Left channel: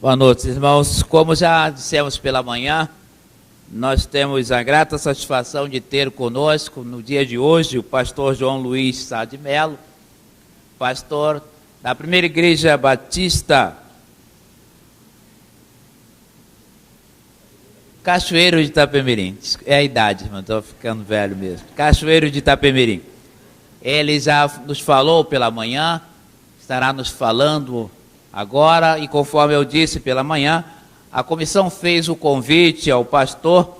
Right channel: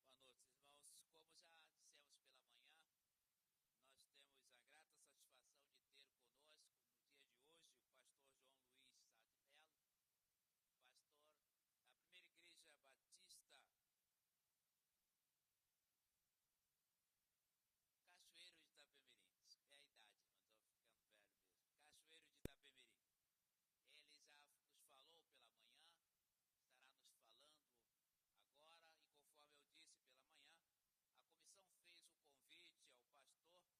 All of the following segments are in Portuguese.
Boa noite, irmãos. Como já dissemos pela manhã, nós temos a grata satisfação de ter conosco no dia de hoje o pastor João Luiz Sá de Melo, pastor da Primeira Igreja Batista Cachoeiro de Itapemirim. É a idade, irmão, estou ficando velho mesmo. Cachoeiro de Itapemirim. Ele já nos falou pela manhã, estará nos falando agora, e conforme eu disse pela manhã, a comissão fez o convite ao pastor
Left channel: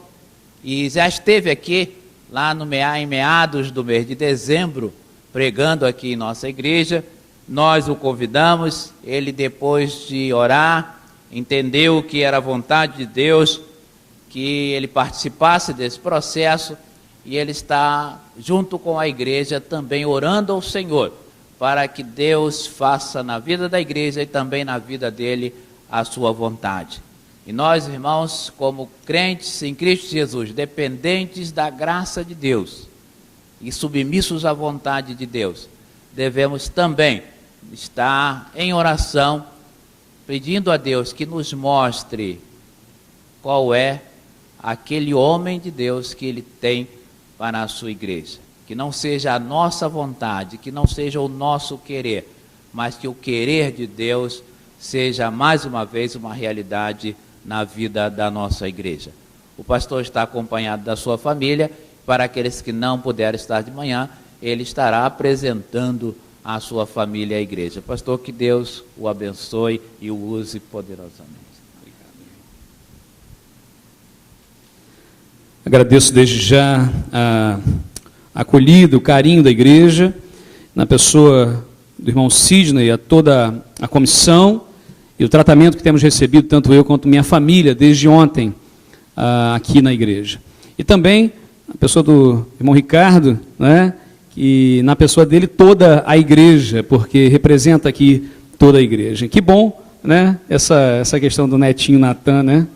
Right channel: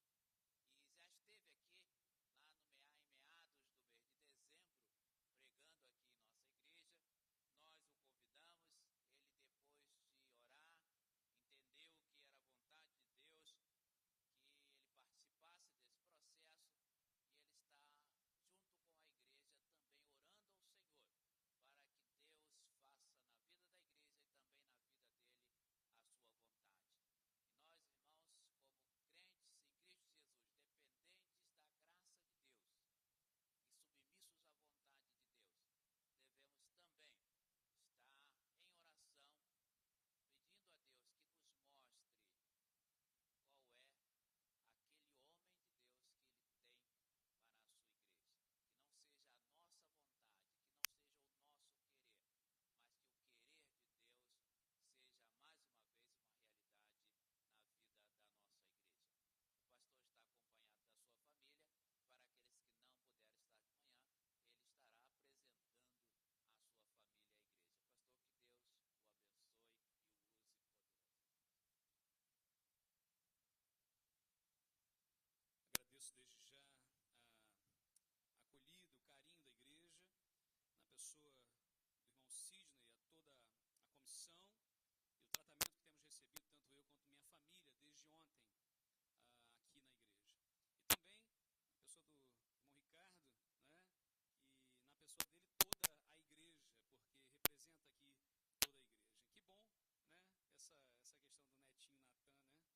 e já esteve aqui lá em meados do mês de dezembro, pregando aqui em nossa igreja. Nós o convidamos, ele depois de orar, entendeu que era a vontade de Deus, que ele participasse desse processo, e ele está junto com a igreja também orando ao Senhor, para que Deus faça na vida da igreja e também na vida dele a sua vontade. E nós, irmãos, como crentes em Cristo Jesus, dependentes da graça de Deus e submissos à vontade de Deus, devemos também estar em oração, pedindo a Deus que nos mostre qual é aquele homem de Deus que Ele tem para a sua igreja. Que não seja a nossa vontade, que não seja o nosso querer, mas que o querer de Deus seja mais uma vez uma realidade na vida da nossa igreja. O pastor está acompanhado da sua família. Para aqueles que não puderam estar de manhã, ele estará apresentando a sua família à igreja. Pastor, que Deus o abençoe e o use poderosamente. Agradeço desde já a acolhida, o carinho da igreja, na pessoa do irmão Sidney, a toda a comissão e o tratamento que temos recebido, tanto eu quanto minha família, desde ontem, aqui na igreja. E também a pessoa do irmão Ricardo, né, que na pessoa dele toda a igreja, porque representa aqui toda a igreja. Que bom, né, essa questão do netinho Natan, né?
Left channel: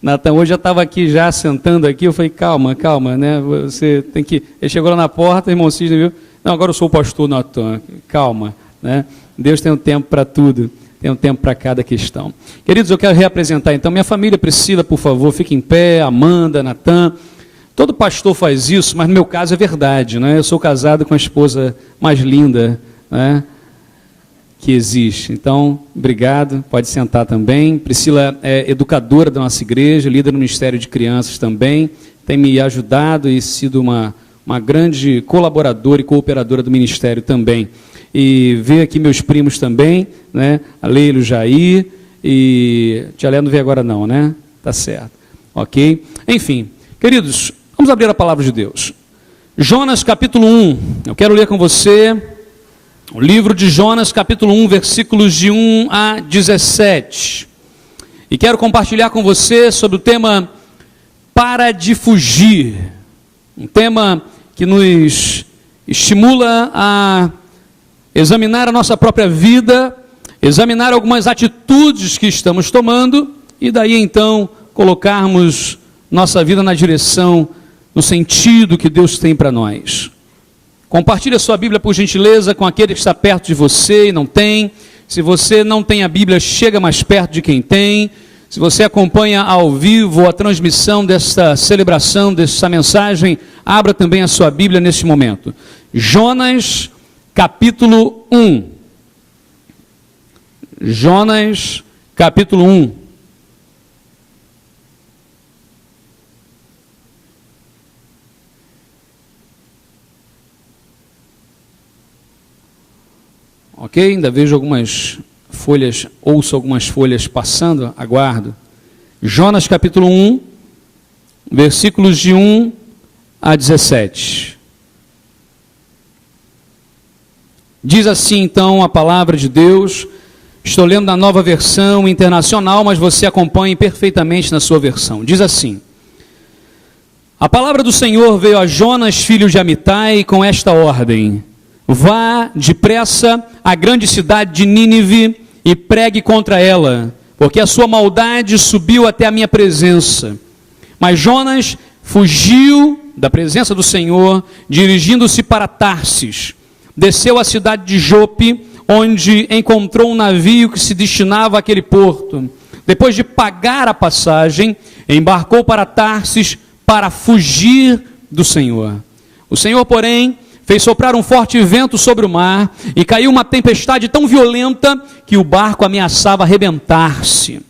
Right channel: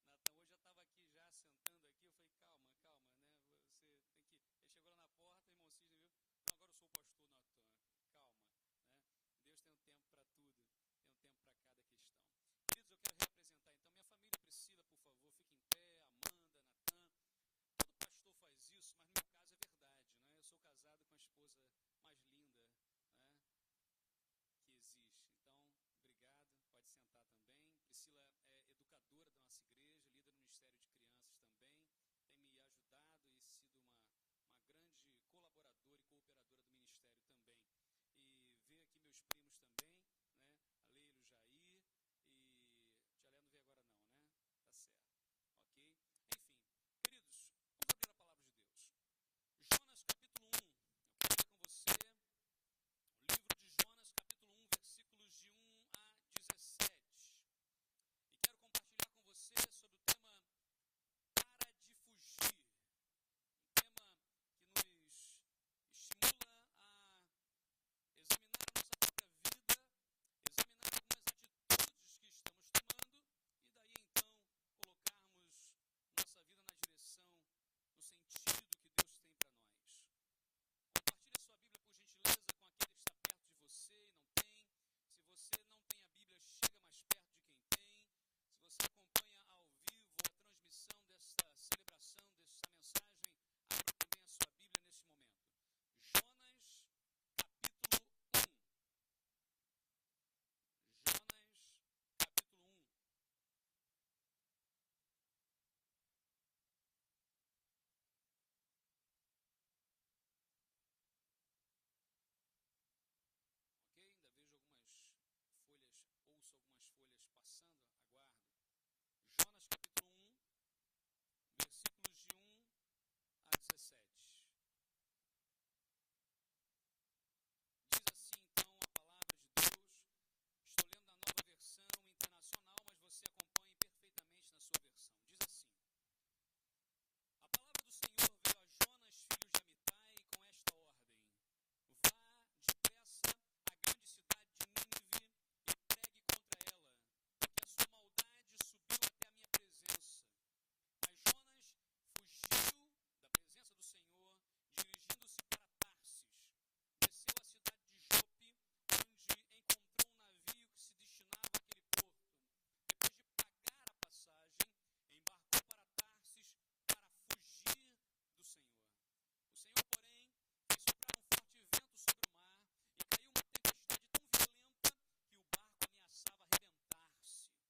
Natan hoje já estava aqui, já sentando aqui, eu falei, calma, né, você tem que... Ele chegou lá na porta, irmão Sidney viu, não, agora eu sou o pastor Natan, calma, né, Deus tem um tempo para tudo, tem um tempo para cada questão. Queridos, eu quero reapresentar então, minha família, Priscila, por favor, fique em pé, Amanda, Natan, todo pastor faz isso, mas no meu caso é verdade, né, eu sou casado com a esposa mais linda, né, que existe. Então, obrigado, pode sentar também. Priscila é educadora da nossa igreja, líder no Ministério de Crianças também, tem me ajudado e sido uma grande colaboradora e cooperadora do Ministério também. E ver aqui meus primos também, né? A Leila, o Jair, e Tia Léa não veio agora não, né? Tá certo. Ok? Enfim, queridos, vamos abrir a palavra de Deus. Jonas capítulo 1, eu quero ler com você o livro de Jonas, capítulo 1, versículos de 1 a 17. E quero compartilhar com você sobre o tema Para de Fugir. Um tema que nos estimula a examinar a nossa própria vida, examinar algumas atitudes que estamos tomando, e daí então colocarmos nossa vida na direção, no sentido que Deus tem para nós. Compartilhe a sua Bíblia, por gentileza, com aquele que está perto de você e não tem. Se você não tem a Bíblia, chega mais perto de quem tem. Se você acompanha ao vivo a transmissão desta celebração, dessa mensagem, abra também a sua Bíblia neste momento. Jonas, capítulo 1. Jonas, capítulo 1. Ok? Ainda vejo algumas folhas, ouço algumas folhas passando, aguardo. Jonas capítulo 1, versículos de 1 a 17. Diz assim então a palavra de Deus, estou lendo na Nova Versão Internacional, mas você acompanhe perfeitamente na sua versão. Diz assim: a palavra do Senhor veio a Jonas, filho de Amitai, com esta ordem: vá depressa à grande cidade de Nínive e pregue contra ela, porque a sua maldade subiu até a minha presença. Mas Jonas fugiu da presença do Senhor, dirigindo-se para Tarsis. Desceu à cidade de Jope, onde encontrou um navio que se destinava àquele porto. Depois de pagar a passagem, embarcou para Tarsis para fugir do Senhor. O Senhor, porém, fez soprar um forte vento sobre o mar e caiu uma tempestade tão violenta que o barco ameaçava arrebentar-se.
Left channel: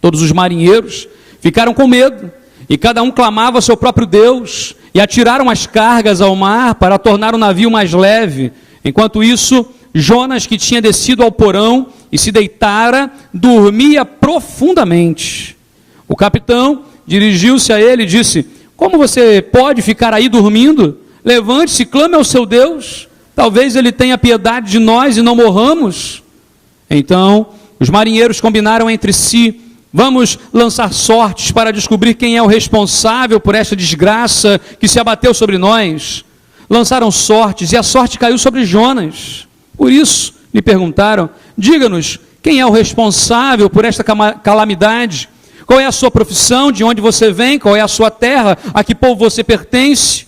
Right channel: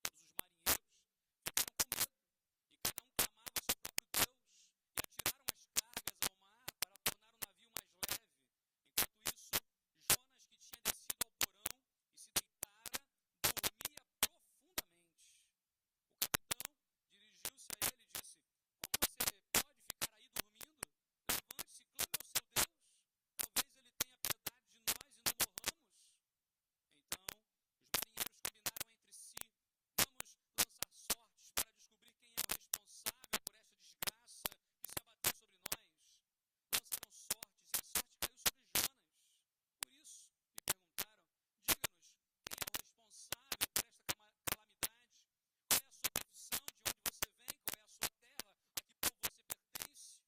Todos os marinheiros ficaram com medo e cada um clamava ao seu próprio Deus e atiraram as cargas ao mar para tornar o navio mais leve. Enquanto isso, Jonas, que tinha descido ao porão e se deitara, dormia profundamente. O capitão dirigiu-se a ele e disse: como você pode ficar aí dormindo? Levante-se, clame ao seu Deus, talvez ele tenha piedade de nós e não morramos. Então, os marinheiros combinaram entre si: vamos lançar sortes para descobrir quem é o responsável por esta desgraça que se abateu sobre nós. Lançaram sortes e a sorte caiu sobre Jonas. Por isso, lhe perguntaram: diga-nos, quem é o responsável por esta calamidade? Qual é a sua profissão? De onde você vem? Qual é a sua terra? A que povo você pertence?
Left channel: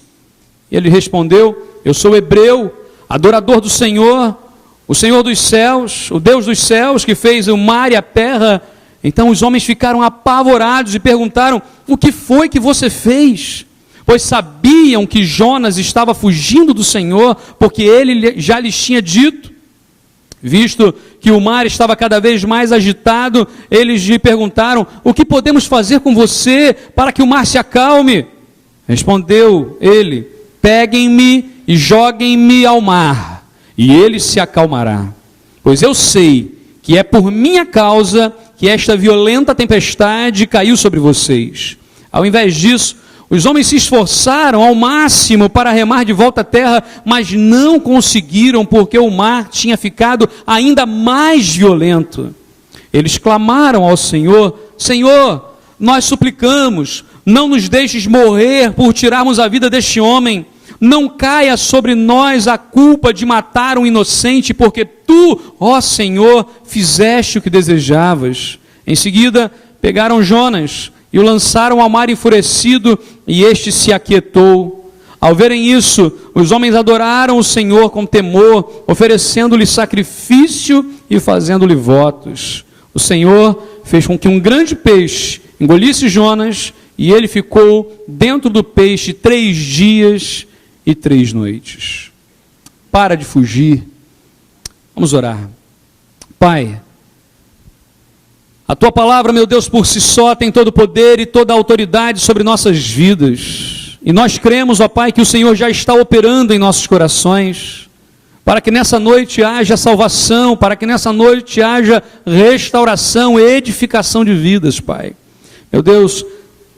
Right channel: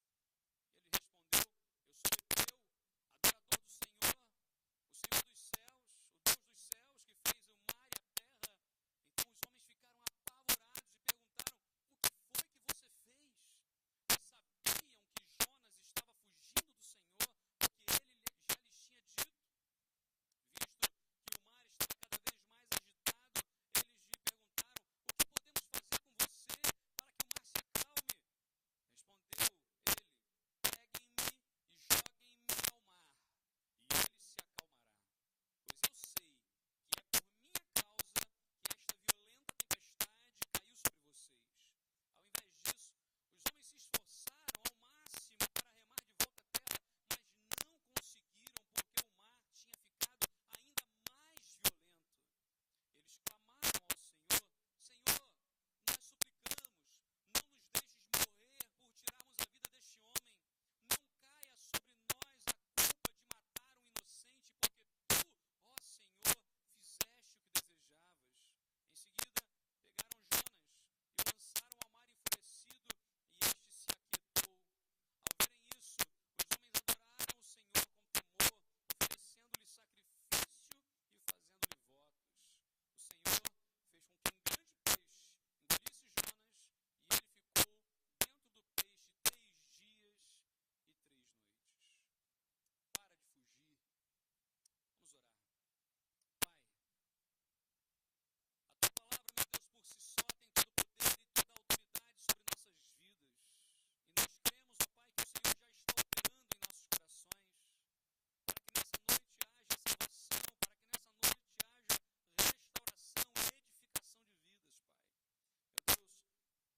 Ele respondeu: eu sou hebreu, adorador do Senhor, o Senhor dos céus, o Deus dos céus, que fez o mar e a terra. Então os homens ficaram apavorados e perguntaram: o que foi que você fez? Pois sabiam que Jonas estava fugindo do Senhor, porque ele já lhes tinha dito. Visto que o mar estava cada vez mais agitado, eles lhe perguntaram: o que podemos fazer com você para que o mar se acalme? Respondeu ele: peguem-me e joguem-me ao mar, e ele se acalmará. Pois eu sei que é por minha causa que esta violenta tempestade caiu sobre vocês. Ao invés disso, os homens se esforçaram ao máximo para remar de volta à terra, mas não conseguiram, porque o mar tinha ficado ainda mais violento. Eles clamaram ao Senhor: Senhor, nós suplicamos, não nos deixes morrer por tirarmos a vida deste homem. Não caia sobre nós a culpa de matar um inocente, porque tu, ó Senhor, fizeste o que desejavas. Em seguida, pegaram Jonas e o lançaram ao mar enfurecido, e este se aquietou. Ao verem isso, os homens adoraram o Senhor com temor, oferecendo-lhe sacrifício e fazendo-lhe votos. O Senhor fez com que um grande peixe engolisse Jonas, e ele ficou dentro do peixe 3 dias e 3 noites. Para de fugir. Vamos orar. Pai, a tua palavra, meu Deus, por si só tem todo o poder e toda a autoridade sobre nossas vidas. E nós cremos, ó Pai, que o Senhor já está operando em nossos corações, para que nessa noite haja salvação, para que nessa noite haja restauração e edificação de vidas, Pai. Meu Deus,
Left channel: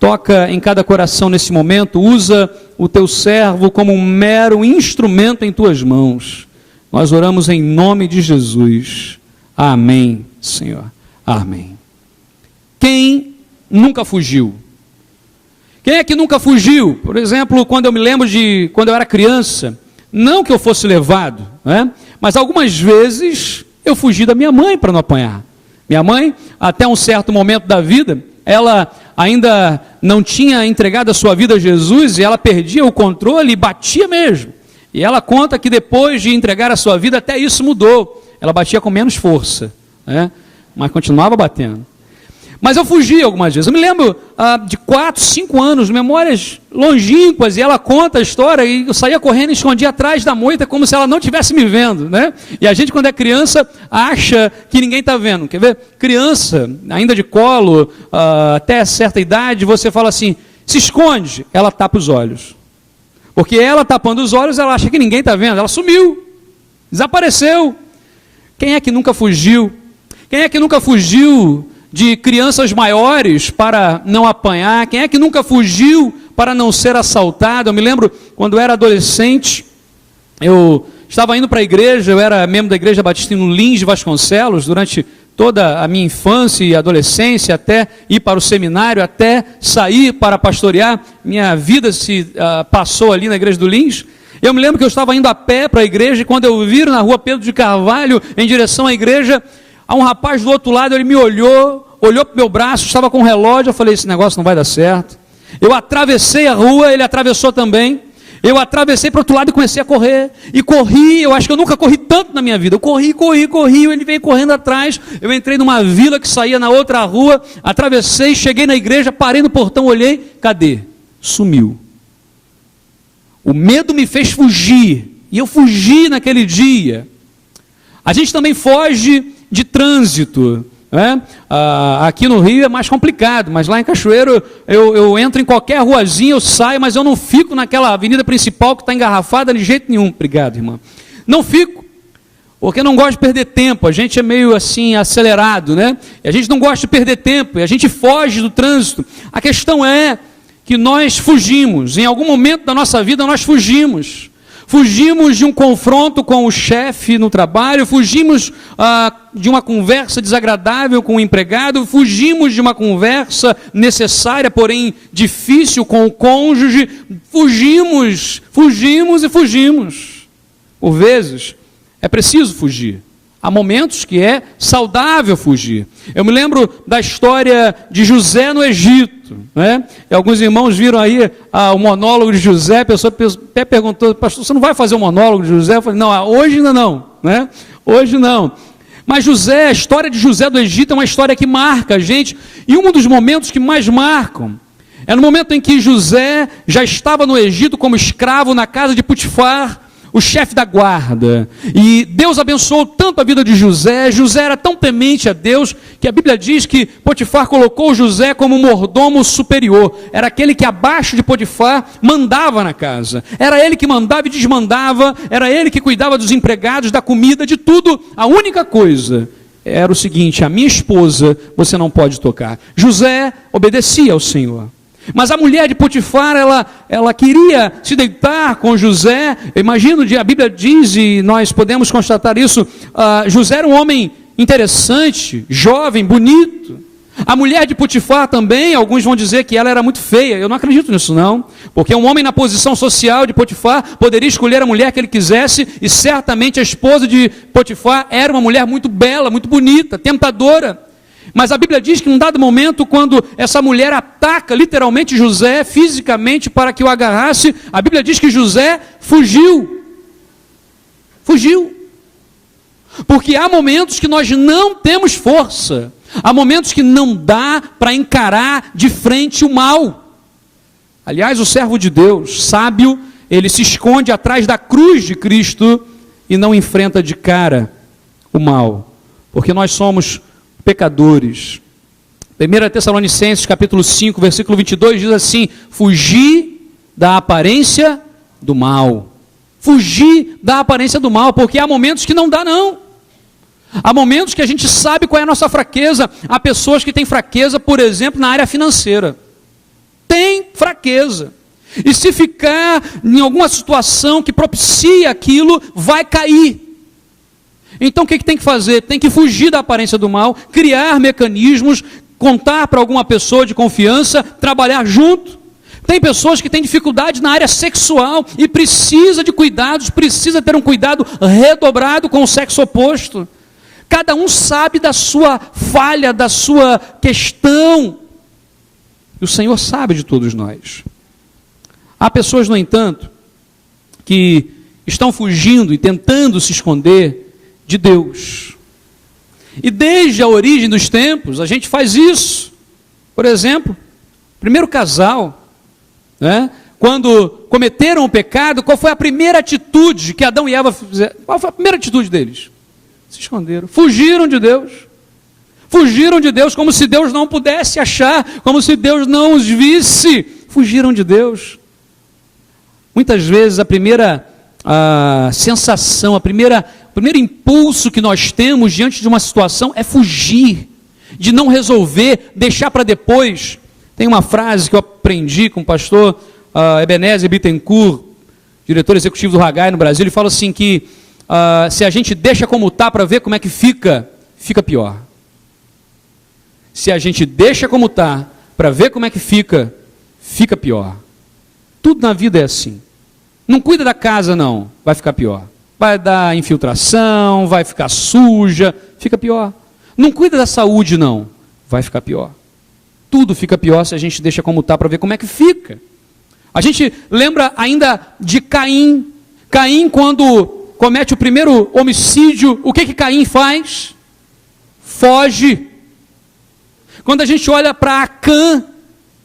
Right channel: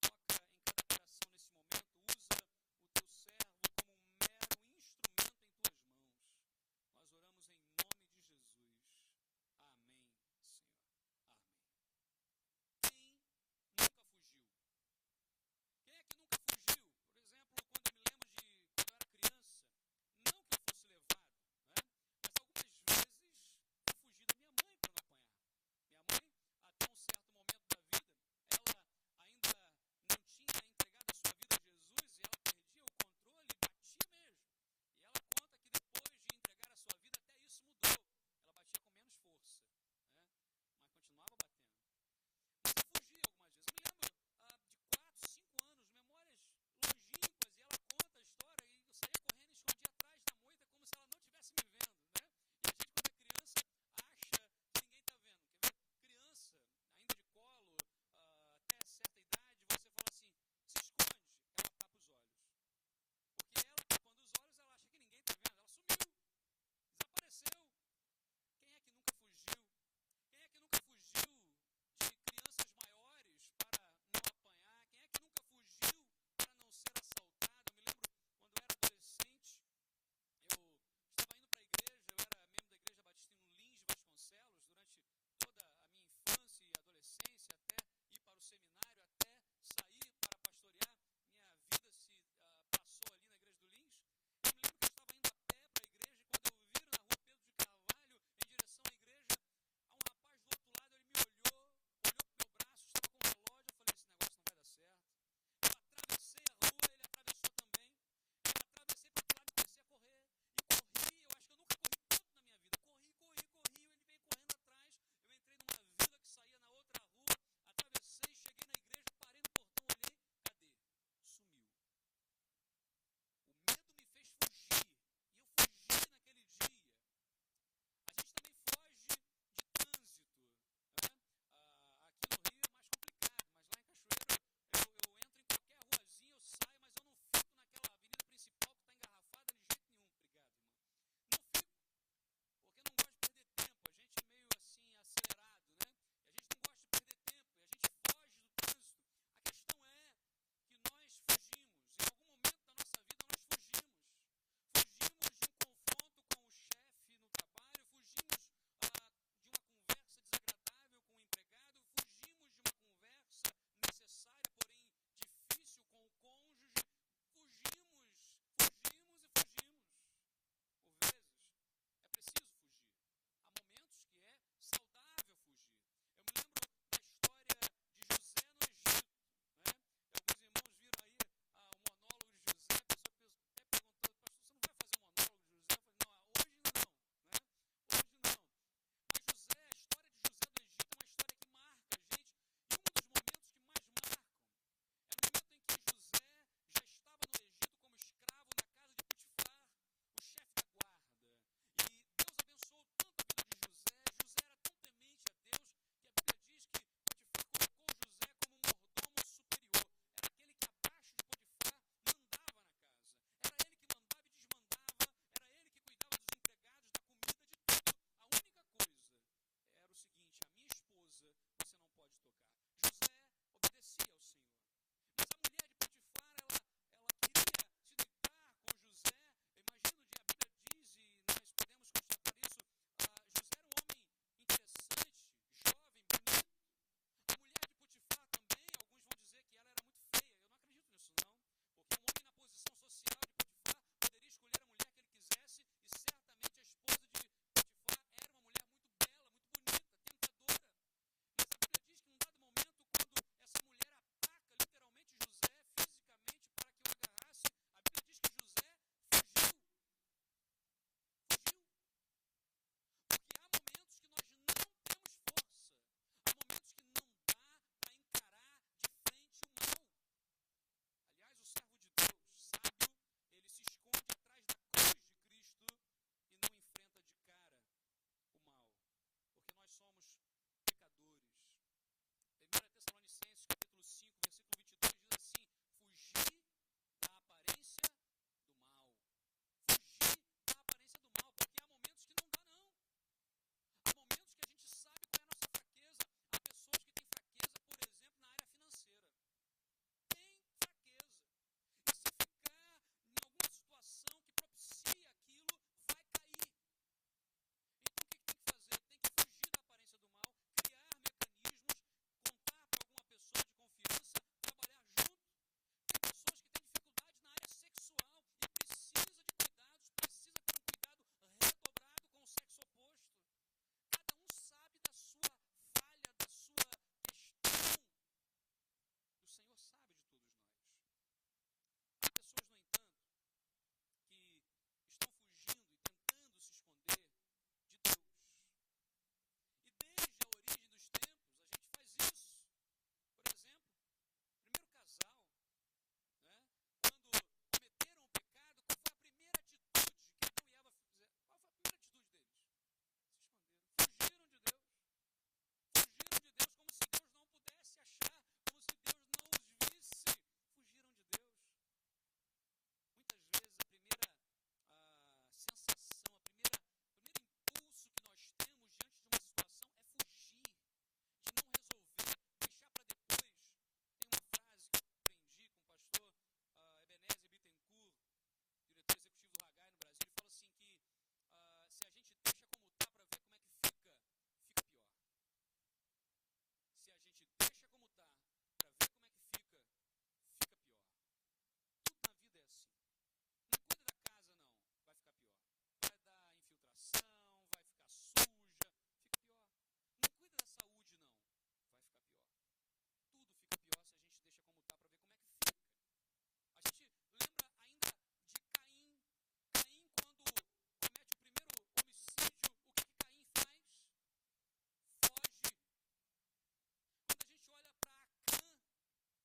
toca em cada coração nesse momento, usa o teu servo como um mero instrumento em tuas mãos. Nós oramos em nome de Jesus. Amém, Senhor. Amém. Quem nunca fugiu? Quem é que nunca fugiu? Por exemplo, quando eu me lembro de quando eu era criança, não que eu fosse levado, né? Mas algumas vezes eu fugi da minha mãe para não apanhar. Minha mãe, até um certo momento da vida, ela ainda não tinha entregado a sua vida a Jesus, e ela perdia o controle e batia mesmo. E ela conta que depois de entregar a sua vida, até isso mudou. Ela batia com menos força, né? Mas continuava batendo. Mas eu fugi algumas vezes. Eu me lembro de 4, 5 anos, memórias longínquas, e ela conta a história, e eu saía correndo e escondia atrás da moita, como se ela não estivesse me vendo, né? E a gente, quando é criança, acha que ninguém está vendo. Quer ver? Criança, ainda de colo, até certa idade, você fala assim: se esconde, ela tapa os olhos. Porque ela tapando os olhos, ela acha que ninguém está vendo. Ela sumiu, desapareceu. Quem é que nunca fugiu? Quem é que nunca fugiu de crianças maiores para não apanhar? Quem é que nunca fugiu para não ser assaltado? Eu me lembro, quando eu era adolescente, eu estava indo para a igreja, eu era membro da Igreja Batista no Lins de Vasconcelos, durante toda a minha infância e adolescência, até ir para o seminário, até sair para pastorear. Minha vida se passou ali na igreja do Lins. Eu me lembro que eu estava indo a pé para a igreja, e quando eu vi na rua Pedro de Carvalho, em direção à igreja, há um rapaz do outro lado, ele me olhou para o meu braço, estava com um relógio. Eu falei: esse negócio não vai dar certo. Eu atravessei a rua, ele atravessou também. Eu atravessei para o outro lado e comecei a correr. E corri, eu acho que eu nunca corri tanto na minha vida. Eu corri, ele veio correndo atrás. Eu entrei numa vila que saía na outra rua, atravessei, cheguei na igreja, parei no portão, olhei, cadê? Sumiu. O medo me fez fugir. E eu fugi naquele dia. A gente também foge de trânsito. Aqui no Rio é mais complicado, mas lá em Cachoeiro eu entro em qualquer ruazinha, eu saio, mas eu não fico naquela avenida principal que está engarrafada de jeito nenhum. Obrigado, irmã. Não fico, porque eu não gosto de perder tempo. A gente é meio assim acelerado, né? E a gente não gosta de perder tempo, e a gente foge do trânsito. A questão é que nós fugimos, em algum momento da nossa vida nós fugimos. Fugimos de um confronto com o chefe no trabalho, fugimos de uma conversa desagradável com o empregado, fugimos de uma conversa necessária, porém difícil com o cônjuge, fugimos. Por vezes, é preciso fugir. Há momentos que é saudável fugir. Eu me lembro da história de José no Egito, né? E alguns irmãos viram aí o monólogo de José, a pessoa até perguntou, pastor, você não vai fazer o monólogo de José? Eu falei, não, hoje ainda não, né? Hoje não. Mas José, a história de José do Egito é uma história que marca a gente, e um dos momentos que mais marcam é no momento em que José já estava no Egito como escravo na casa de Potifar, o chefe da guarda, e Deus abençoou tanto a vida de José. José era tão temente a Deus, que a Bíblia diz que Potifar colocou José como mordomo superior, era aquele que abaixo de Potifar mandava na casa, era ele que mandava e desmandava, era ele que cuidava dos empregados, da comida, de tudo. A única coisa era o seguinte: a minha esposa você não pode tocar. José obedecia ao Senhor. Mas a mulher de Potifar, ela queria se deitar com José. Eu imagino, a Bíblia diz, e nós podemos constatar isso, José era um homem interessante, jovem, bonito. A mulher de Potifar também, alguns vão dizer que ela era muito feia. Eu não acredito nisso não, porque um homem na posição social de Potifar poderia escolher a mulher que ele quisesse, e certamente a esposa de Potifar era uma mulher muito bela, muito bonita, tentadora. Mas a Bíblia diz que num dado momento, quando essa mulher ataca literalmente José fisicamente para que o agarrasse, a Bíblia diz que José fugiu. Fugiu. Porque há momentos que nós não temos força, há momentos que não dá para encarar de frente o mal. Aliás, o servo de Deus, sábio, ele se esconde atrás da cruz de Cristo e não enfrenta de cara o mal, porque nós somos pecadores. 1 Tessalonicenses capítulo 5, versículo 22 diz assim: fugir da aparência do mal. Fugir da aparência do mal, porque há momentos que não dá não. Há momentos que a gente sabe qual é a nossa fraqueza. Há pessoas que têm fraqueza, por exemplo, na área financeira. Tem fraqueza. E se ficar em alguma situação que propicia aquilo, vai cair. Então o que tem que fazer? Tem que fugir da aparência do mal, criar mecanismos, contar para alguma pessoa de confiança, trabalhar junto. Tem pessoas que têm dificuldade na área sexual e precisa de cuidados, precisa ter um cuidado redobrado com o sexo oposto. Cada um sabe da sua falha, da sua questão. E o Senhor sabe de todos nós. Há pessoas, no entanto, que estão fugindo e tentando se esconder de Deus. E desde a origem dos tempos, a gente faz isso. Por exemplo, primeiro casal, né? Quando cometeram o pecado, qual foi a primeira atitude que Adão e Eva fizeram? Qual foi a primeira atitude deles? Se esconderam, fugiram de Deus. Fugiram de Deus como se Deus não pudesse achar, como se Deus não os visse. Fugiram de Deus. Muitas vezes a primeira sensação, o primeiro impulso que nós temos diante de uma situação é fugir, de não resolver, deixar para depois. Tem uma frase que eu aprendi com o pastor Ebenezer Bittencourt, diretor executivo do Haggai no Brasil. Ele fala assim que se a gente deixa como está para ver como é que fica, fica pior. Se a gente deixa como está para ver como é que fica, fica pior. Tudo na vida é assim. Não cuida da casa não, vai ficar pior. Vai dar infiltração, vai ficar suja, fica pior. Não cuida da saúde não, vai ficar pior. Tudo fica pior se a gente deixa como está para ver como é que fica. A gente lembra ainda de Caim. Caim, quando comete o primeiro homicídio, o que Caim faz? Foge. Quando a gente olha para Acã,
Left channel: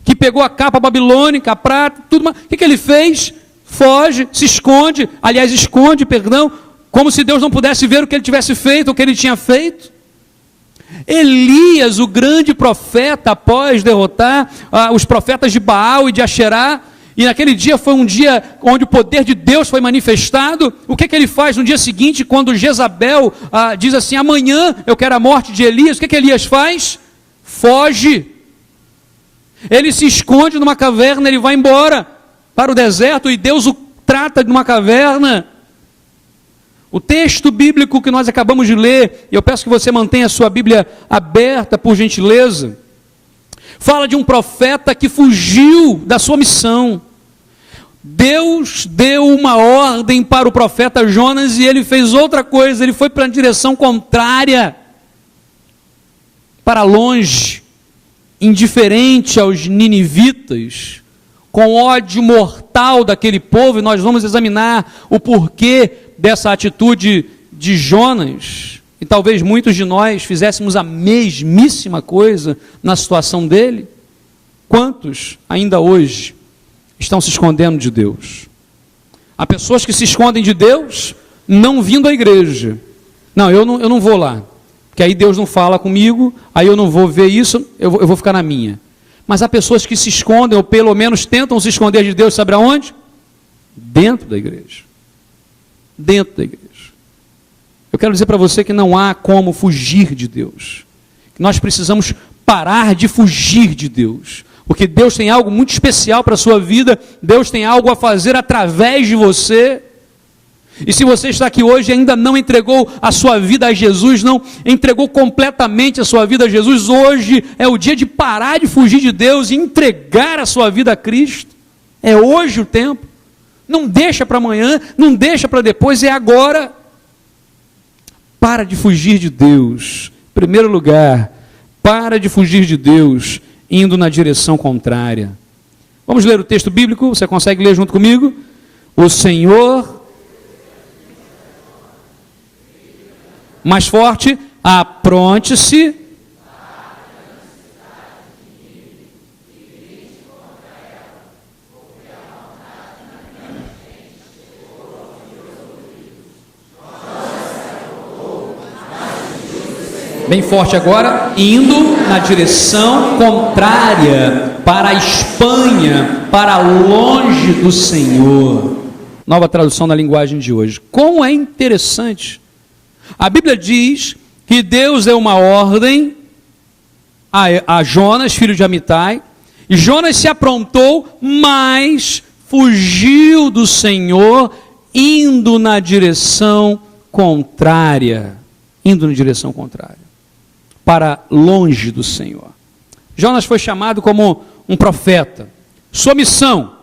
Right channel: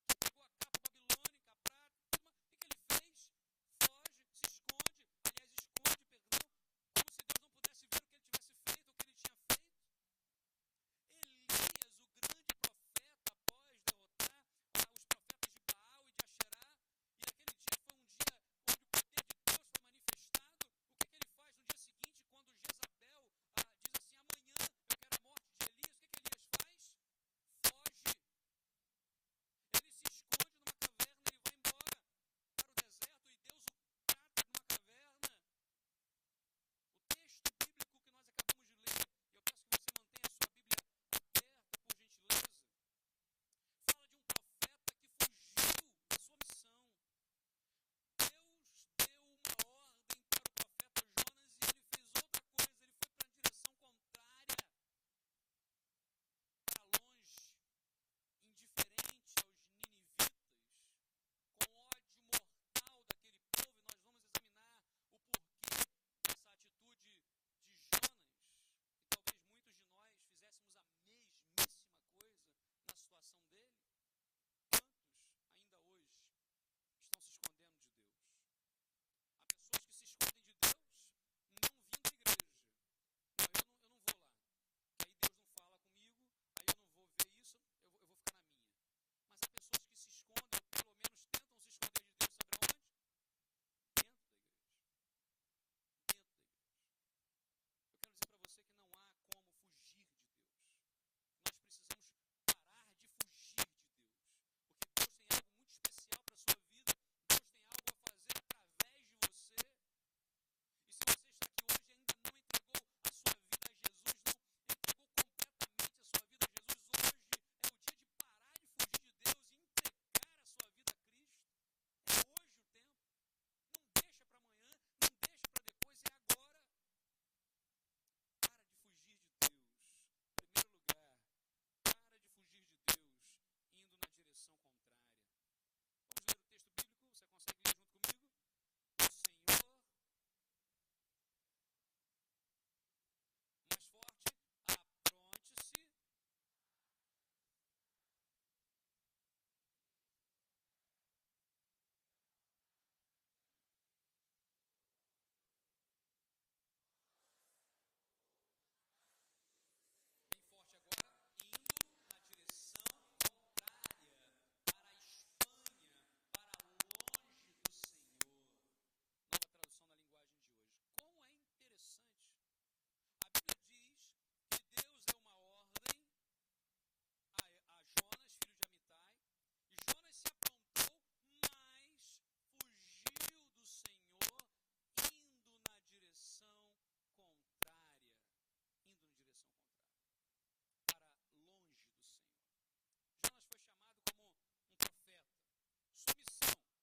que pegou a capa babilônica, a prata, tudo mais, o que ele fez? Foge, se esconde, aliás, esconde, perdão, como se Deus não pudesse ver o que ele tivesse feito, o que ele tinha feito. Elias, o grande profeta, após derrotar os profetas de Baal e de Asherá, e naquele dia foi um dia onde o poder de Deus foi manifestado, o que ele faz no dia seguinte, quando Jezabel diz assim, amanhã eu quero a morte de Elias, o que Elias faz? Foge. Ele se esconde numa caverna, ele vai embora para o deserto e Deus o trata numa caverna. O texto bíblico que nós acabamos de ler, e eu peço que você mantenha a sua Bíblia aberta, por gentileza, fala de um profeta que fugiu da sua missão. Deus deu uma ordem para o profeta Jonas e ele fez outra coisa, ele foi para a direção contrária, para longe, indiferente aos ninivitas, com ódio mortal daquele povo, e nós vamos examinar o porquê dessa atitude de Jonas, e talvez muitos de nós fizéssemos a mesmíssima coisa na situação dele. Quantos ainda hoje estão se escondendo de Deus? Há pessoas que se escondem de Deus não vindo à igreja. Não, eu não vou lá, porque aí Deus não fala comigo, aí eu não vou ver isso, eu vou ficar na minha. Mas há pessoas que se escondem, ou pelo menos tentam se esconder de Deus, sabe aonde? Dentro da igreja. Dentro da igreja. Eu quero dizer para você que não há como fugir de Deus. Que nós precisamos parar de fugir de Deus. Porque Deus tem algo muito especial para a sua vida, Deus tem algo a fazer através de você. E se você está aqui hoje e ainda não entregou a sua vida a Jesus, não entregou completamente a sua vida a Jesus, hoje é o dia de parar de fugir de Deus e entregar a sua vida a Cristo. É hoje o tempo. Não deixa para amanhã, não deixa para depois, é agora. Para de fugir de Deus. Em primeiro lugar, para de fugir de Deus, indo na direção contrária. Vamos ler o texto bíblico, você consegue ler junto comigo? O Senhor... Mais forte, apronte-se. Bem forte agora, indo na direção contrária, para a Espanha, para longe do Senhor. Nova tradução da linguagem de hoje. Como é interessante. A Bíblia diz que Deus deu uma ordem a Jonas, filho de Amitai, e Jonas se aprontou, mas fugiu do Senhor, indo na direção contrária. Indo na direção contrária. Para longe do Senhor. Jonas foi chamado como um profeta. Sua missão:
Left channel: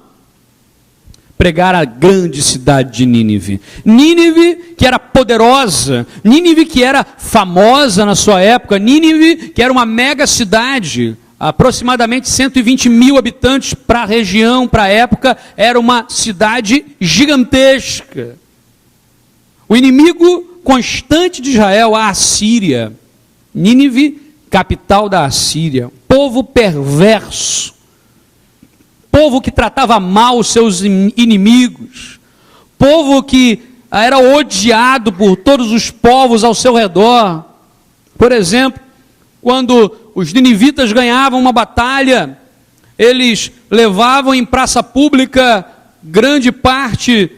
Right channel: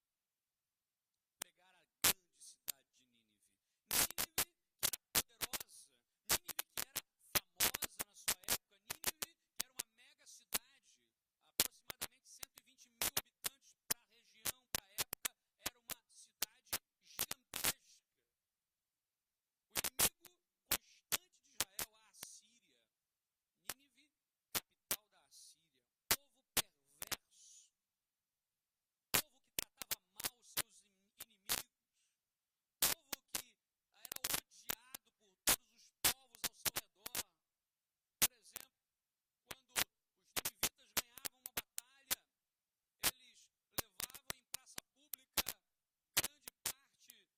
pregar a grande cidade de Nínive. Nínive que era poderosa, Nínive que era famosa na sua época, Nínive que era uma mega cidade, aproximadamente 120 mil habitantes para a região, para a época, era uma cidade gigantesca. O inimigo constante de Israel, a Assíria, Nínive, capital da Assíria, povo perverso, povo que tratava mal os seus inimigos, povo que era odiado por todos os povos ao seu redor. Por exemplo, quando os ninivitas ganhavam uma batalha, eles levavam em praça pública grande parte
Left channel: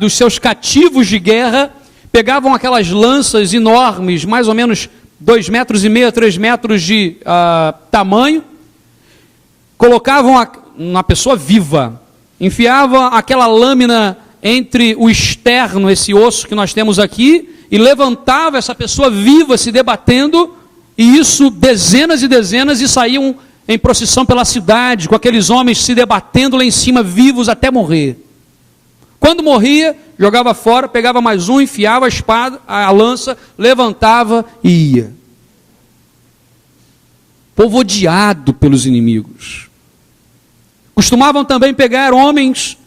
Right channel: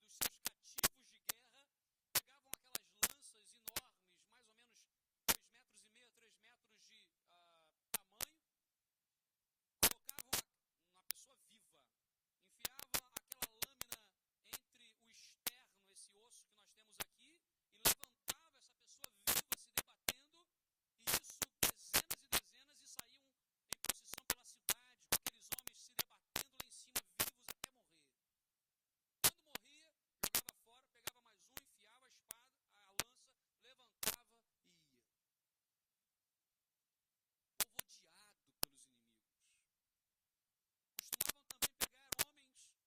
dos seus cativos de guerra, pegavam aquelas lanças enormes, mais ou menos 2,5 metros, 3 metros de tamanho, colocavam uma pessoa viva, enfiava aquela lâmina entre o externo, esse osso que nós temos aqui, e levantava essa pessoa viva se debatendo, e isso dezenas e dezenas, e saíam em procissão pela cidade, com aqueles homens se debatendo lá em cima, vivos até morrer. Quando morria, jogava fora, pegava mais um, enfiava a espada, a lança, levantava e ia. Povo odiado pelos inimigos. Costumavam também pegar homens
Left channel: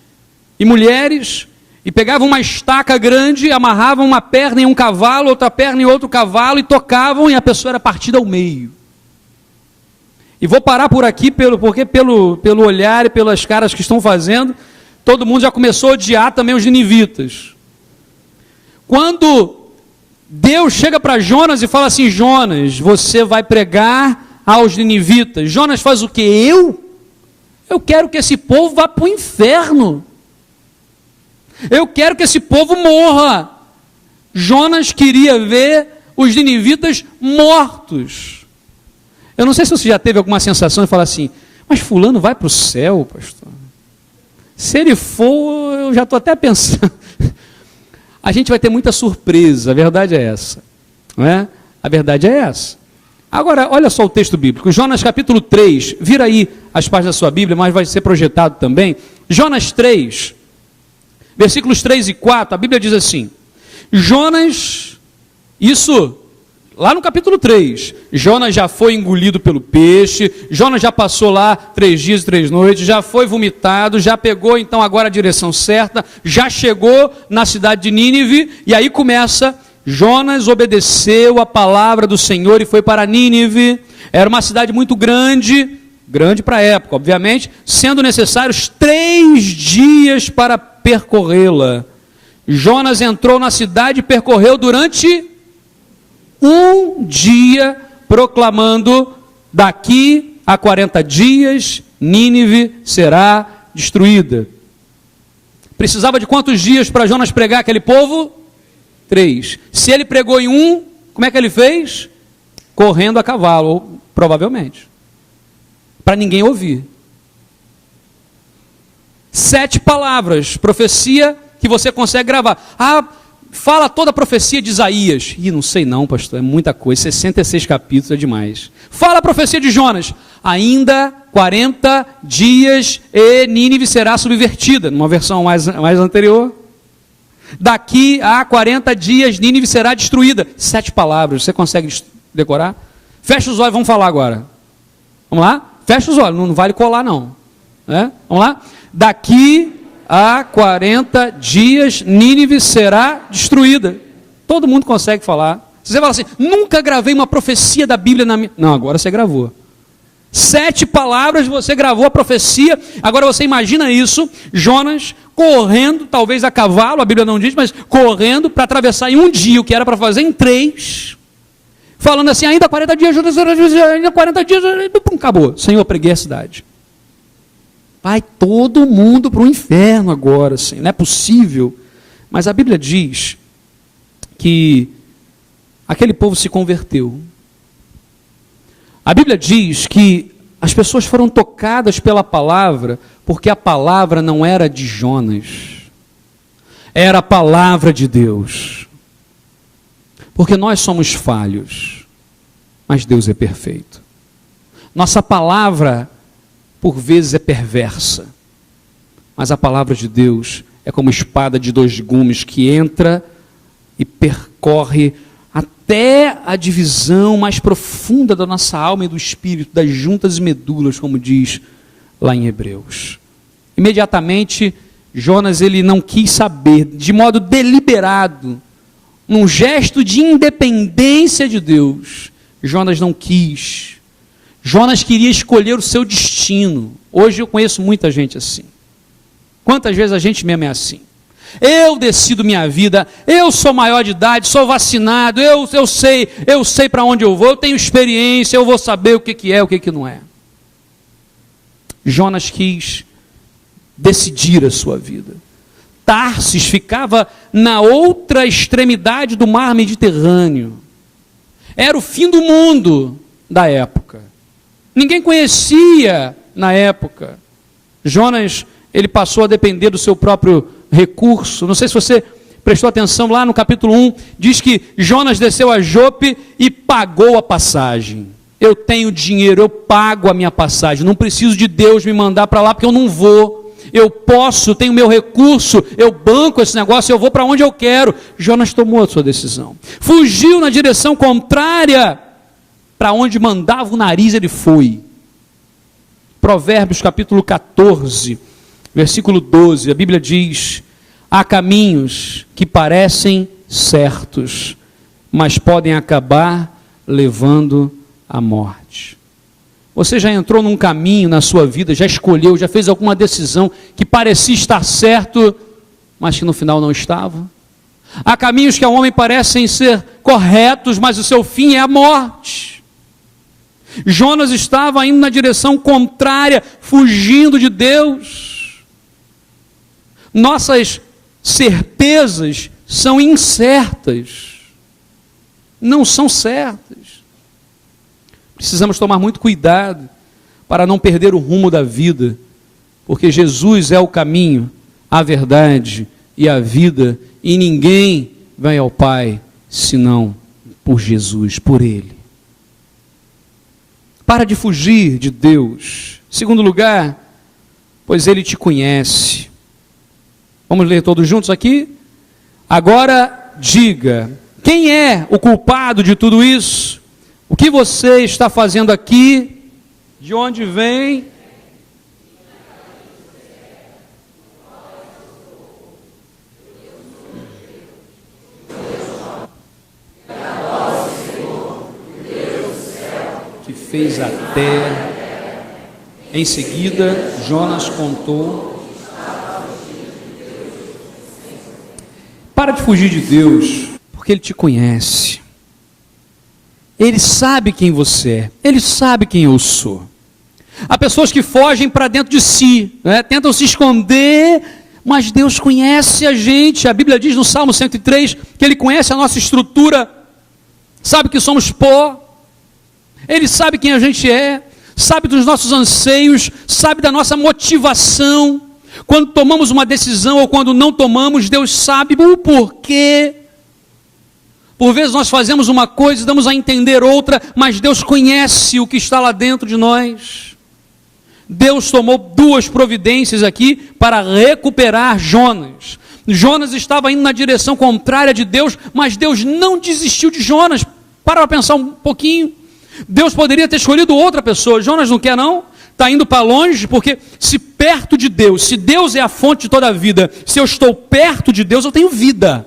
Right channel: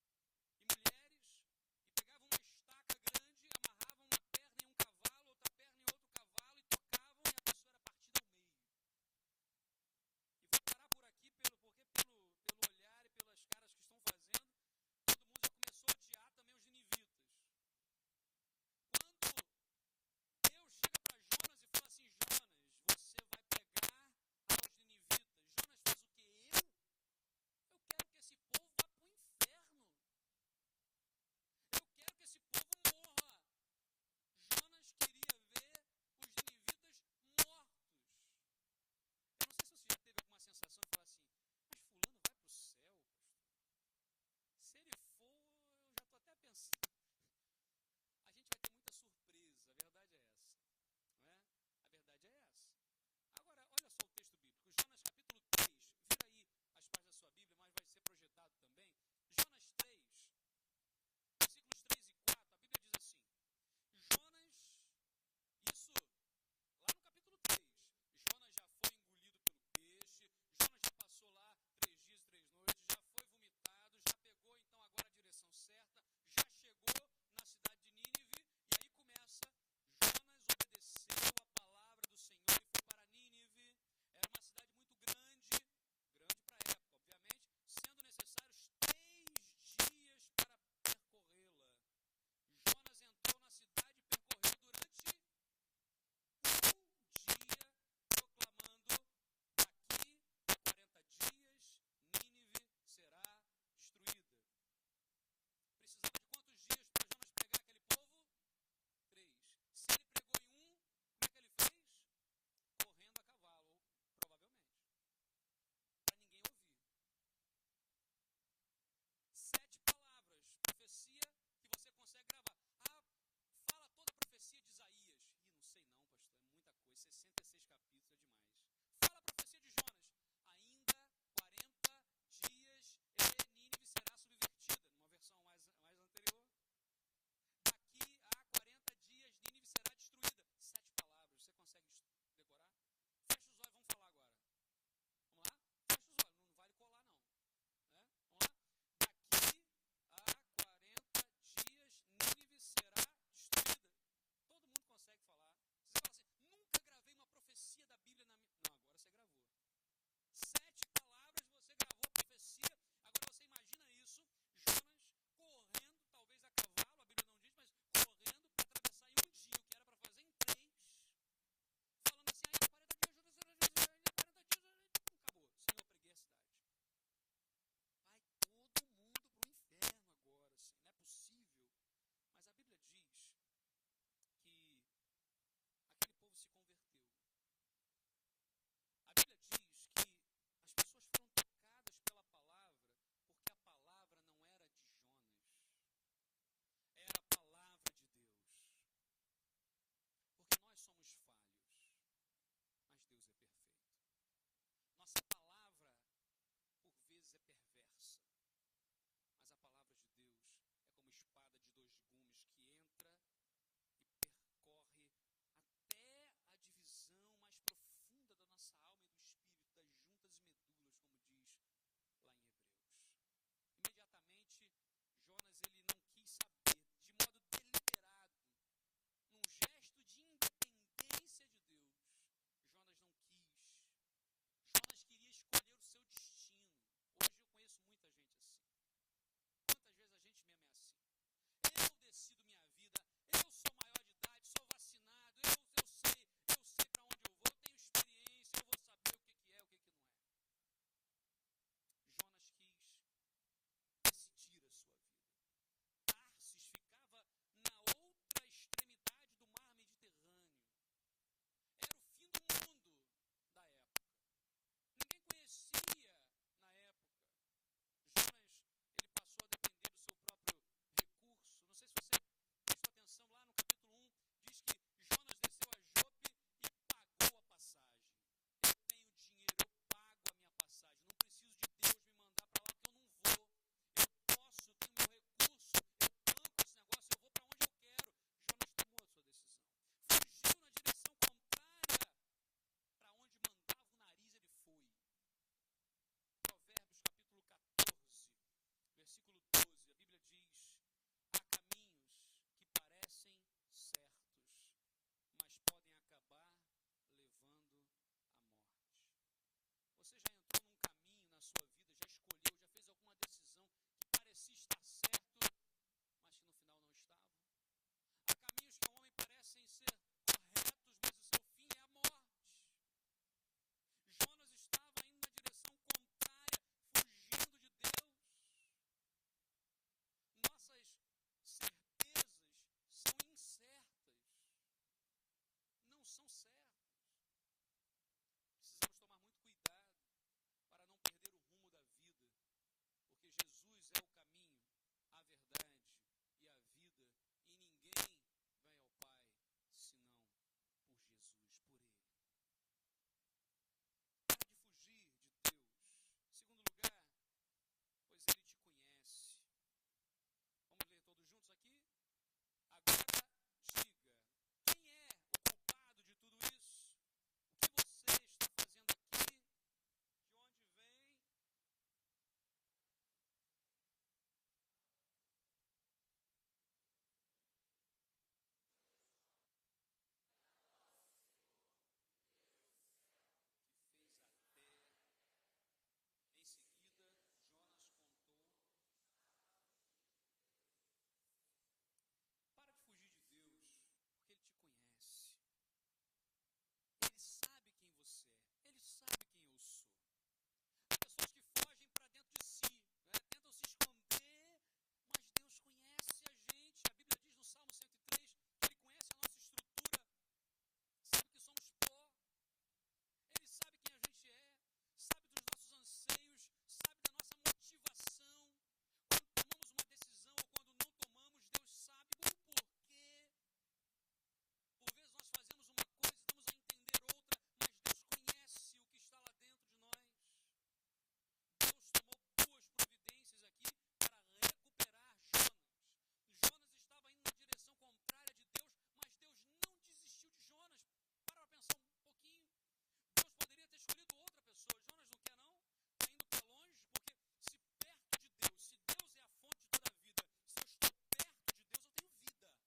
e mulheres e pegavam uma estaca grande, amarravam uma perna em um cavalo, outra perna em outro cavalo e tocavam, e a pessoa era partida ao meio. E vou parar por aqui, porque pelo olhar e pelas caras que estão fazendo, todo mundo já começou a odiar também os ninivitas. Quando Deus chega para Jonas e fala assim: Jonas, você vai pregar aos ninivitas. Jonas faz o quê? Eu quero que esse povo vá para o inferno. Eu quero que esse povo morra. Jonas queria ver os ninivitas mortos. Eu não sei se você já teve alguma sensação de falar assim: mas fulano vai para o céu, pastor. Se ele for, eu já estou até pensando. A gente vai ter muita surpresa, a verdade é essa. Não é? A verdade é essa. Agora, olha só o texto bíblico. Jonas capítulo 3, vira aí as páginas da sua Bíblia, mas vai ser projetado também. Jonas 3, versículos 3 e 4, a Bíblia diz assim: Jonas, isso lá no capítulo 3, Jonas já foi engolido pelo peixe, Jonas já passou lá 3 dias e 3 noites, já foi vomitado, já pegou então agora a direção certa, já chegou na cidade de Nínive, e aí começa: Jonas obedeceu a palavra do Senhor e foi para Nínive. Era uma cidade muito grande para a época, obviamente, sendo necessários 3 dias para percorrê-la. Jonas entrou na cidade e percorreu durante 1 dia, proclamando: daqui a 40 dias Nínive será destruída. Precisava de quantos dias para Jonas pregar aquele povo? 3. Se ele pregou em 1, como é que ele fez? Correndo a cavalo, provavelmente, para ninguém ouvir. 7 palavras, profecia que você consegue gravar. Fala toda a profecia de Isaías. Não sei não, pastor, é muita coisa, 66 capítulos é demais. Fala a profecia de Jonas: ainda 40 dias e Nínive será subvertida, numa versão mais anterior. Daqui a 40 dias Nínive será destruída. 7 palavras, você consegue decorar? Fecha os olhos, vamos falar agora. Vamos lá? Fecha os olhos, não vale colar não. Vamos lá? Daqui a 40 dias Nínive será destruída. Todo mundo consegue falar. Você fala assim: nunca gravei uma profecia da Bíblia na minha... Não, agora você gravou. 7 palavras, você gravou a profecia. Agora você imagina isso: Jonas correndo, talvez a cavalo, a Bíblia não diz, mas correndo para atravessar em 1 dia o que era para fazer em 3, falando assim: ainda 40 dias, ainda 40 dias, acabou. Senhor, preguei a cidade. Vai todo mundo para o inferno agora, assim, não é possível. Mas a Bíblia diz que aquele povo se converteu. A Bíblia diz que as pessoas foram tocadas pela palavra, porque a palavra não era de Jonas, era a palavra de Deus. Porque nós somos falhos, mas Deus é perfeito. Nossa palavra, por vezes, é perversa, mas a palavra de Deus é como espada de 2 gumes que entra e percorre até a divisão mais profunda da nossa alma e do espírito, das juntas e medulas, como diz lá em Hebreus. Imediatamente, Jonas ele não quis saber, de modo deliberado, num gesto de independência de Deus, Jonas não quis. Jonas queria escolher o seu destino. Hoje eu conheço muita gente assim. Quantas vezes a gente mesmo é assim? Eu decido minha vida, eu sou maior de idade, sou vacinado, eu sei para onde eu vou, eu tenho experiência, eu vou saber o que é, o que não é. Jonas quis decidir a sua vida. Tarsis ficava na outra extremidade do mar Mediterrâneo. Era o fim do mundo da época. Ninguém conhecia na época. Jonas, ele passou a depender do seu próprio recurso. Não sei se você prestou atenção lá no capítulo 1, diz que Jonas desceu a Jope e pagou a passagem. Eu tenho dinheiro, eu pago a minha passagem, não preciso de Deus me mandar para lá porque eu não vou. Eu posso, eu tenho meu recurso, eu banco esse negócio, eu vou para onde eu quero. Jonas tomou a sua decisão. Fugiu na direção contrária para onde mandava o nariz, ele foi. Provérbios capítulo 14, versículo 12, a Bíblia diz: há caminhos que parecem certos, mas podem acabar levando à morte. Você já entrou num caminho na sua vida, já escolheu, já fez alguma decisão que parecia estar certo, mas que no final não estava? Há caminhos que ao homem parecem ser corretos, mas o seu fim é a morte. Jonas estava indo na direção contrária, fugindo de Deus. Nossas certezas são incertas, não são certas. Precisamos tomar muito cuidado para não perder o rumo da vida, porque Jesus é o caminho, a verdade e a vida, e ninguém vai ao Pai senão por Jesus, por Ele. Para de fugir de Deus. Segundo lugar, pois Ele te conhece. Vamos ler todos juntos aqui? Agora diga, quem é o culpado de tudo isso? O que você está fazendo aqui? De onde vem? Que fez a terra. Em seguida, Jonas contou. Para de fugir de Deus, porque Ele te conhece. Ele sabe quem você é. Ele sabe quem eu sou. Há pessoas que fogem para dentro de si, né? Tentam se esconder, mas Deus conhece a gente. A Bíblia diz no Salmo 103 que Ele conhece a nossa estrutura, sabe que somos pó, Ele sabe quem a gente é, sabe dos nossos anseios, sabe da nossa motivação. Quando tomamos uma decisão ou quando não tomamos, Deus sabe o porquê. Por vezes nós fazemos uma coisa e damos a entender outra, mas Deus conhece o que está lá dentro de nós. Deus tomou duas providências aqui para recuperar Jonas. Jonas estava indo na direção contrária de Deus, mas Deus não desistiu de Jonas. Para pensar um pouquinho. Deus poderia ter escolhido outra pessoa. Jonas não quer não? Está indo para longe, porque se perto de Deus, se Deus é a fonte de toda a vida, se eu estou perto de Deus, eu tenho vida.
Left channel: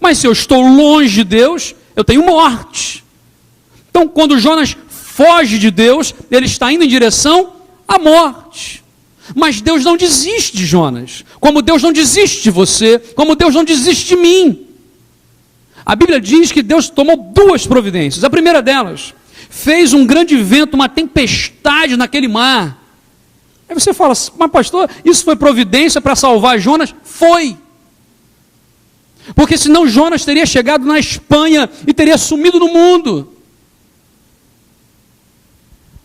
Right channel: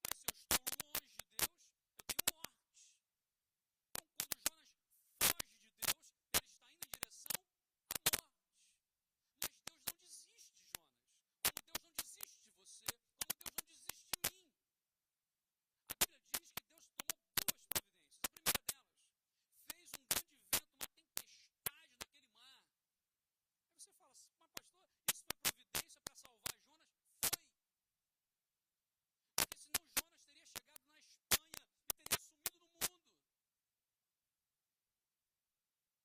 Mas se eu estou longe de Deus, eu tenho morte. Então, quando Jonas foge de Deus, ele está indo em direção à morte. Mas Deus não desiste de Jonas, como Deus não desiste de você, como Deus não desiste de mim. A Bíblia diz que Deus tomou duas providências. A primeira delas, fez um grande vento, uma tempestade naquele mar. Aí você fala, mas pastor, isso foi providência para salvar Jonas? Foi. Porque senão Jonas teria chegado na Espanha e teria sumido no mundo.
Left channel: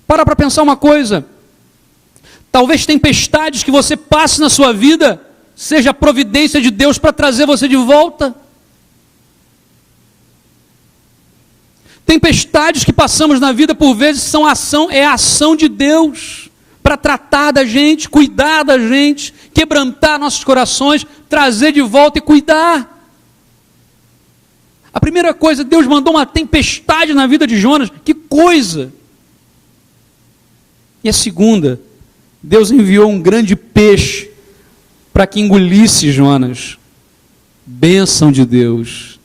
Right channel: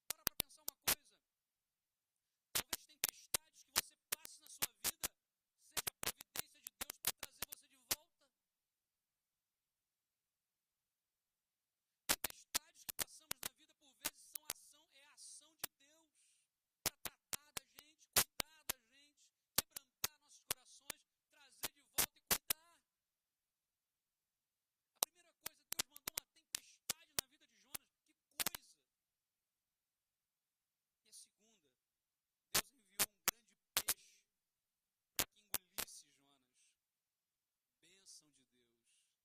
Para pensar uma coisa. Talvez tempestades que você passe na sua vida seja a providência de Deus para trazer você de volta. Tempestades que passamos na vida por vezes é a ação de Deus para tratar da gente, cuidar da gente, quebrantar nossos corações, trazer de volta e cuidar. A primeira coisa, Deus mandou uma tempestade na vida de Jonas, que coisa! E a segunda, Deus enviou um grande peixe para que engolisse Jonas. Bênção de Deus.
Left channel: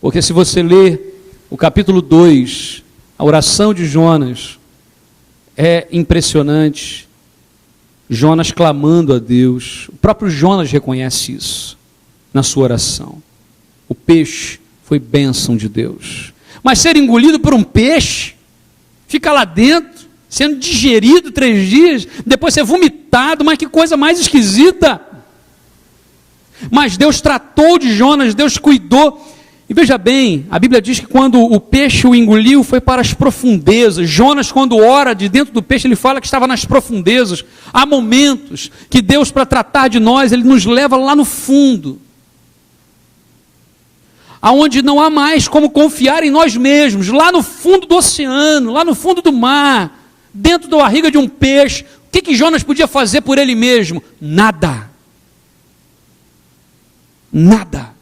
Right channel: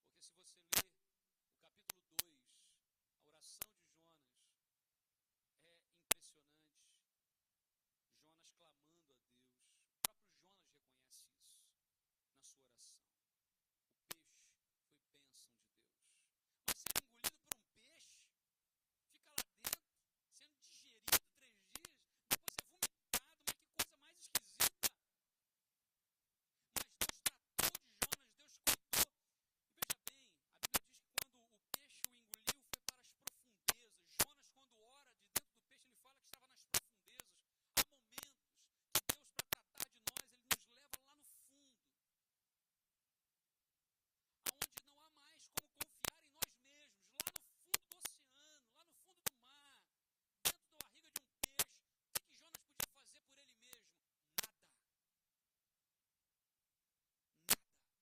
Porque se você ler o capítulo 2, a oração de Jonas, é impressionante. Jonas clamando a Deus. O próprio Jonas reconhece isso na sua oração. O peixe foi bênção de Deus. Mas ser engolido por um peixe, fica lá dentro, sendo digerido 3 dias, depois ser vomitado, mas que coisa mais esquisita. Mas Deus tratou de Jonas, Deus cuidou. E veja bem, a Bíblia diz que quando o peixe o engoliu, foi para as profundezas. Jonas, quando ora de dentro do peixe, ele fala que estava nas profundezas. Há momentos que Deus, para tratar de nós, Ele nos leva lá no fundo. Aonde não há mais como confiar em nós mesmos. Lá no fundo do oceano, lá no fundo do mar, dentro da barriga de um peixe. O que Jonas podia fazer por ele mesmo? Nada. Nada.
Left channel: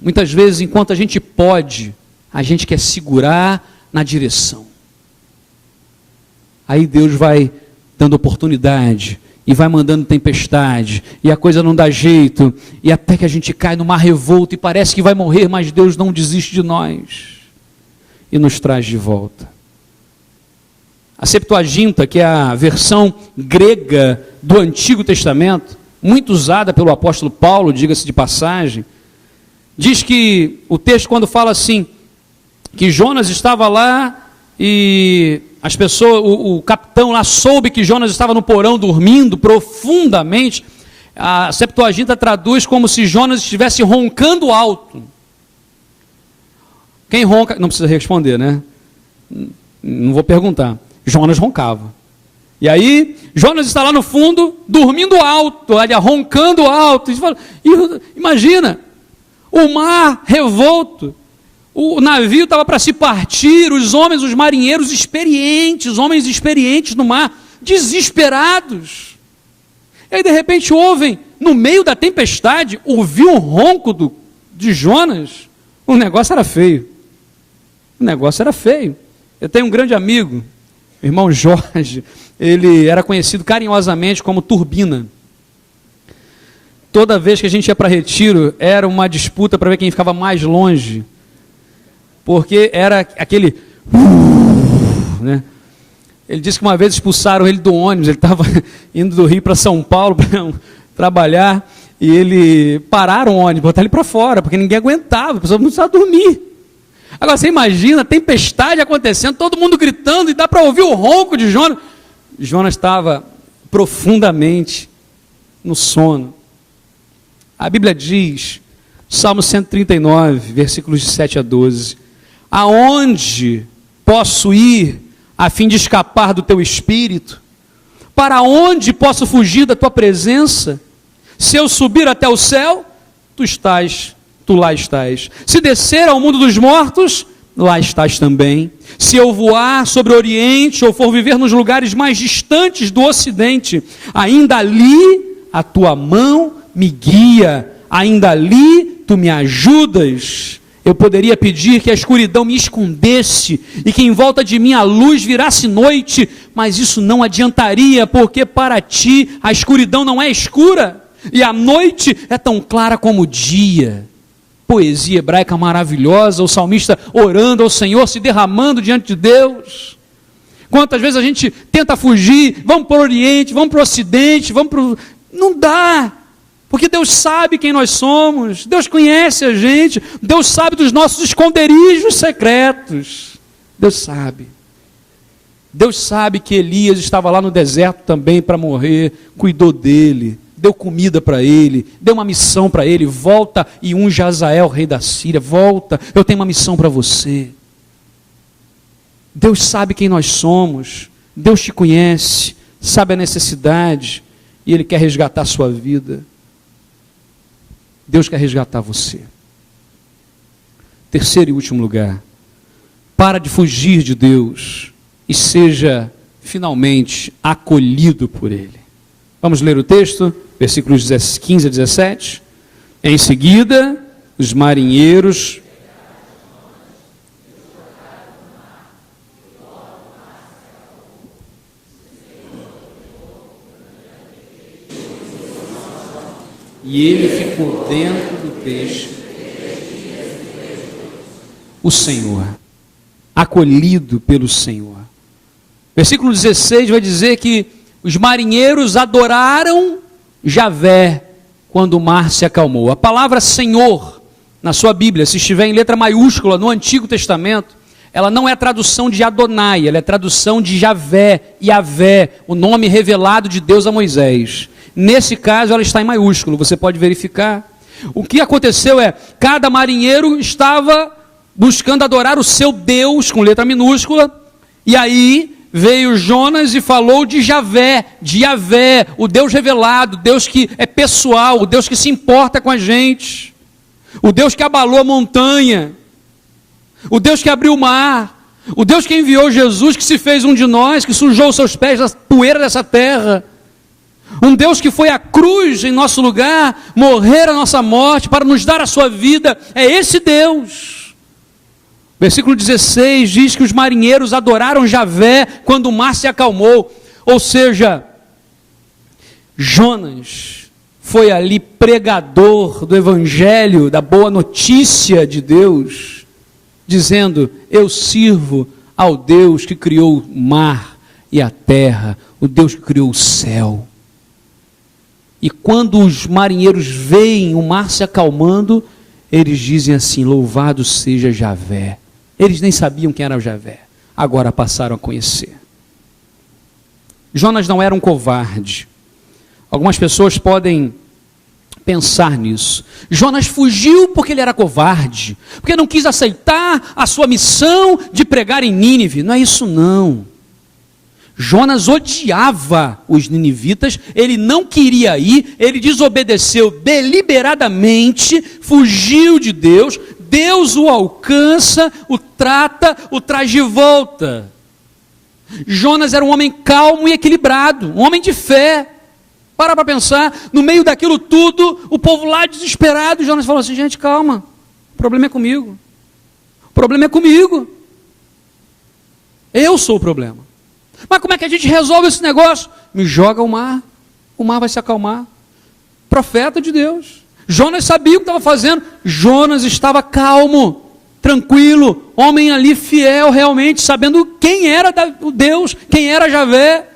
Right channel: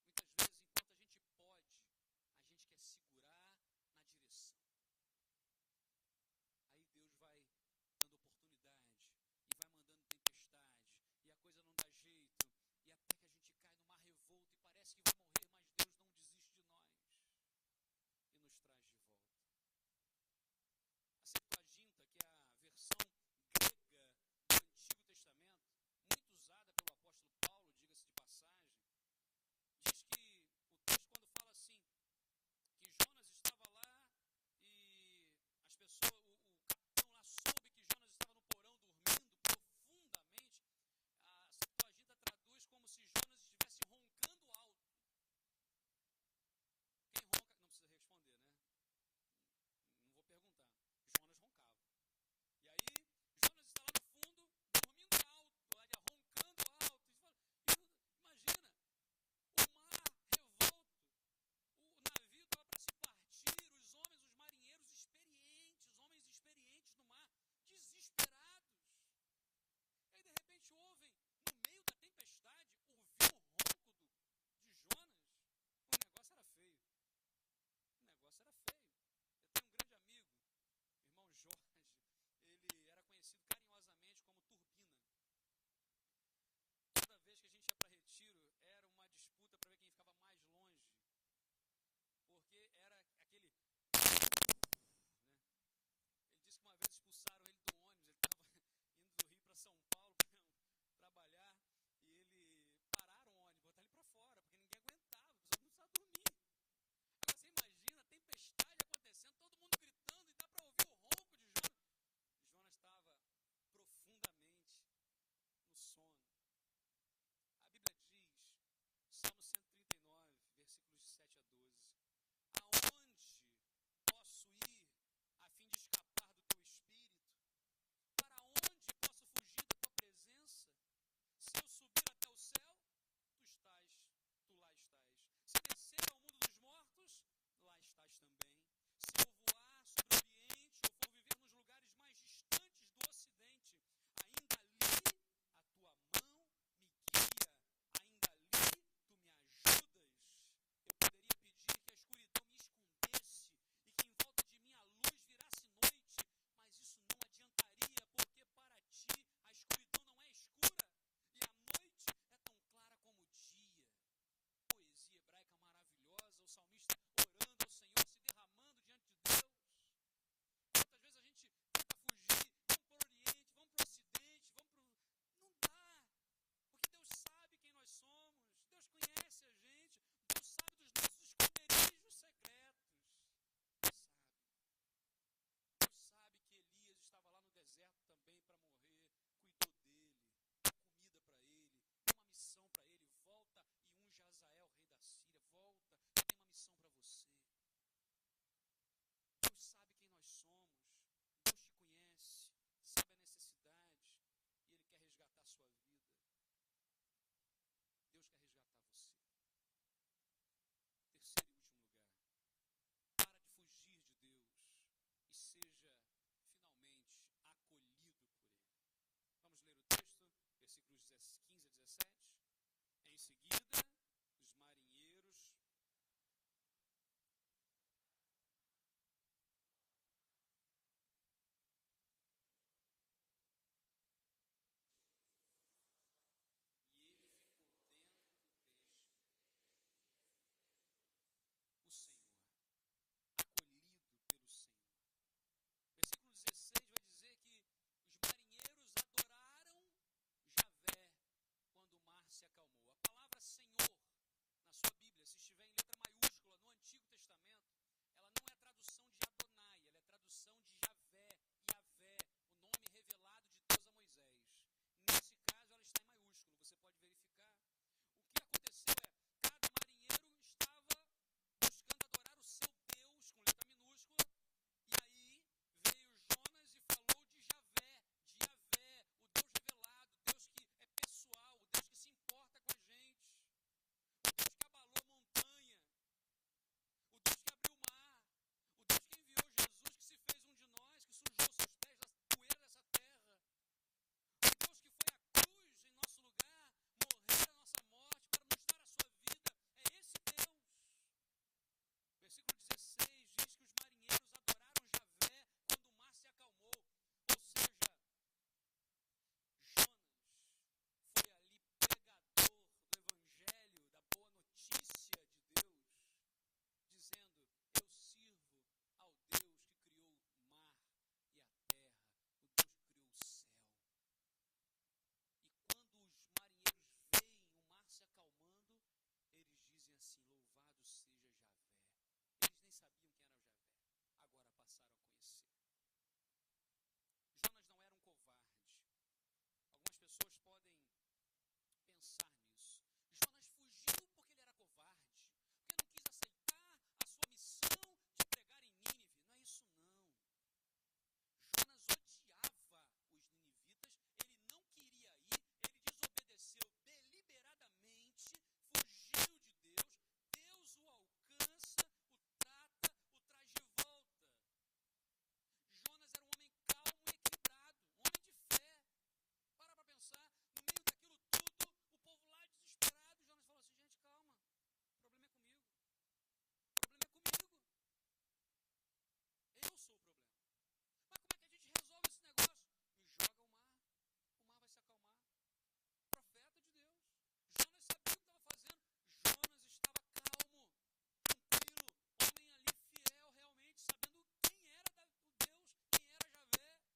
Muitas vezes, enquanto a gente pode, a gente quer segurar na direção. Aí Deus vai dando oportunidade, e vai mandando tempestade, e a coisa não dá jeito, e até que a gente cai no mar revolto, e parece que vai morrer, mas Deus não desiste de nós, e nos traz de volta. A Septuaginta, que é a versão grega do Antigo Testamento, muito usada pelo apóstolo Paulo, diga-se de passagem, diz que o texto, quando fala assim, que Jonas estava lá e as pessoas, o capitão lá soube que Jonas estava no porão dormindo profundamente, a Septuaginta traduz como se Jonas estivesse roncando alto. Quem ronca, não precisa responder, né? Não vou perguntar. Jonas roncava. E aí, Jonas está lá no fundo, dormindo alto, olha, roncando alto. Imagina, o mar revolto, o navio estava para se partir, os homens, os marinheiros experientes, homens experientes no mar, desesperados. E aí, de repente, ouvem, no meio da tempestade, ouviu o ronco de Jonas. O negócio era feio. O negócio era feio. Eu tenho um grande amigo, o irmão Jorge, ele era conhecido carinhosamente como Turbina. Toda vez que a gente ia para retiro, era uma disputa para ver quem ficava mais longe, porque era aquele... né? Ele disse que uma vez expulsaram ele do ônibus, ele estava indo do Rio para São Paulo para trabalhar, e ele pararam o ônibus, botaram ele para fora, porque ninguém aguentava, a pessoa não precisava dormir. Agora você imagina, tempestade acontecendo, todo mundo gritando, e dá para ouvir o ronco de Jonas. Jonas estava profundamente no sono. A Bíblia diz, Salmo 139, versículos de 7 a 12, aonde posso ir a fim de escapar do teu espírito? Para onde posso fugir da tua presença? Se eu subir até o céu, tu lá estás. Se descer ao mundo dos mortos, lá estás também. Se eu voar sobre o Oriente, ou for viver nos lugares mais distantes do Ocidente, ainda ali a tua mão me guia, ainda ali tu me ajudas. Eu poderia pedir que a escuridão me escondesse, e que em volta de mim a luz virasse noite, mas isso não adiantaria, porque para ti a escuridão não é escura, e a noite é tão clara como o dia. Poesia hebraica maravilhosa, o salmista orando ao Senhor, se derramando diante de Deus. Quantas vezes a gente tenta fugir, vamos para o Oriente, vamos para o Ocidente, não dá, porque Deus sabe quem nós somos, Deus conhece a gente, Deus sabe dos nossos esconderijos secretos, Deus sabe que Elias estava lá no deserto também para morrer, cuidou dele, deu comida para ele, deu uma missão para ele, volta e unge Hazael, rei da Síria, volta, eu tenho uma missão para você. Deus sabe quem nós somos, Deus te conhece, sabe a necessidade, e Ele quer resgatar a sua vida. Deus quer resgatar você. Terceiro e último lugar, para de fugir de Deus e seja finalmente acolhido por Ele. Vamos ler o texto? Versículos 15 a 17. Em seguida, os marinheiros e ele ficou dentro do peixe. O Senhor, acolhido pelo Senhor. Versículo 16 vai dizer que os marinheiros adoraram Javé quando o mar se acalmou. A palavra Senhor, na sua Bíblia, se estiver em letra maiúscula no Antigo Testamento, ela não é tradução de Adonai, ela é tradução de Javé, Yavé, o nome revelado de Deus a Moisés. Nesse caso, ela está em maiúsculo, você pode verificar. O que aconteceu é, cada marinheiro estava buscando adorar o seu Deus, com letra minúscula, e aí veio Jonas e falou de Javé, de Yavé, o Deus revelado, Deus que é pessoal, o Deus que se importa com a gente, o Deus que abalou a montanha, o Deus que abriu o mar, o Deus que enviou Jesus, que se fez um de nós, que sujou os seus pés da poeira dessa terra, um Deus que foi à cruz em nosso lugar, morrer a nossa morte, para nos dar a sua vida. É esse Deus. Versículo 16 diz que os marinheiros adoraram Javé quando o mar se acalmou. Ou seja, Jonas foi ali pregador do evangelho, da boa notícia de Deus, dizendo: eu sirvo ao Deus que criou o mar e a terra, o Deus que criou o céu. E quando os marinheiros veem o mar se acalmando, eles dizem assim: louvado seja Javé. Eles nem sabiam quem era o Javé, agora passaram a conhecer. Jonas não era um covarde. Algumas pessoas podem pensar nisso. Jonas fugiu porque ele era covarde, porque não quis aceitar a sua missão de pregar em Nínive. Não é isso não. Jonas odiava os ninivitas, ele não queria ir, ele desobedeceu deliberadamente, fugiu de Deus, Deus o alcança, o trata, o traz de volta. Jonas era um homem calmo e equilibrado, um homem de fé. Para pensar, no meio daquilo tudo, o povo lá desesperado, Jonas falou assim: gente, calma, o problema é comigo, o problema é comigo, eu sou o problema. Mas como é que a gente resolve esse negócio? Me joga o mar vai se acalmar. Profeta de Deus. Jonas sabia o que estava fazendo. Jonas estava calmo, tranquilo, homem ali fiel realmente, sabendo quem era o Deus, quem era Javé.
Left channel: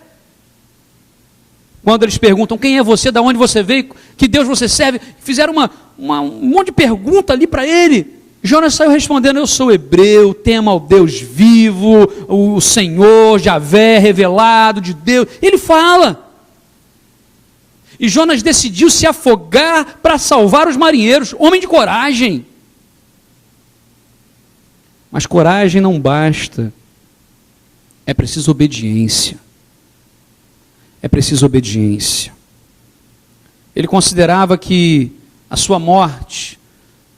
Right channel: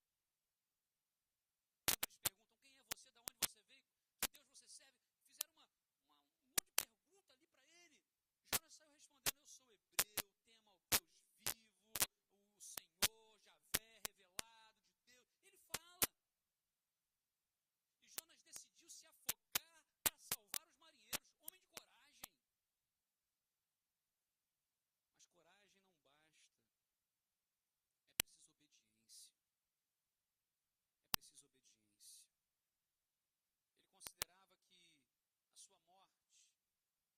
Quando eles perguntam: quem é você, de onde você veio, que Deus você serve, fizeram um monte de pergunta ali para ele. Jonas saiu respondendo: eu sou hebreu, temo ao Deus vivo, o Senhor, Javé, revelado de Deus. Ele fala. E Jonas decidiu se afogar para salvar os marinheiros, homem de coragem. Mas coragem não basta, é preciso obediência. É preciso obediência. Ele considerava que a sua morte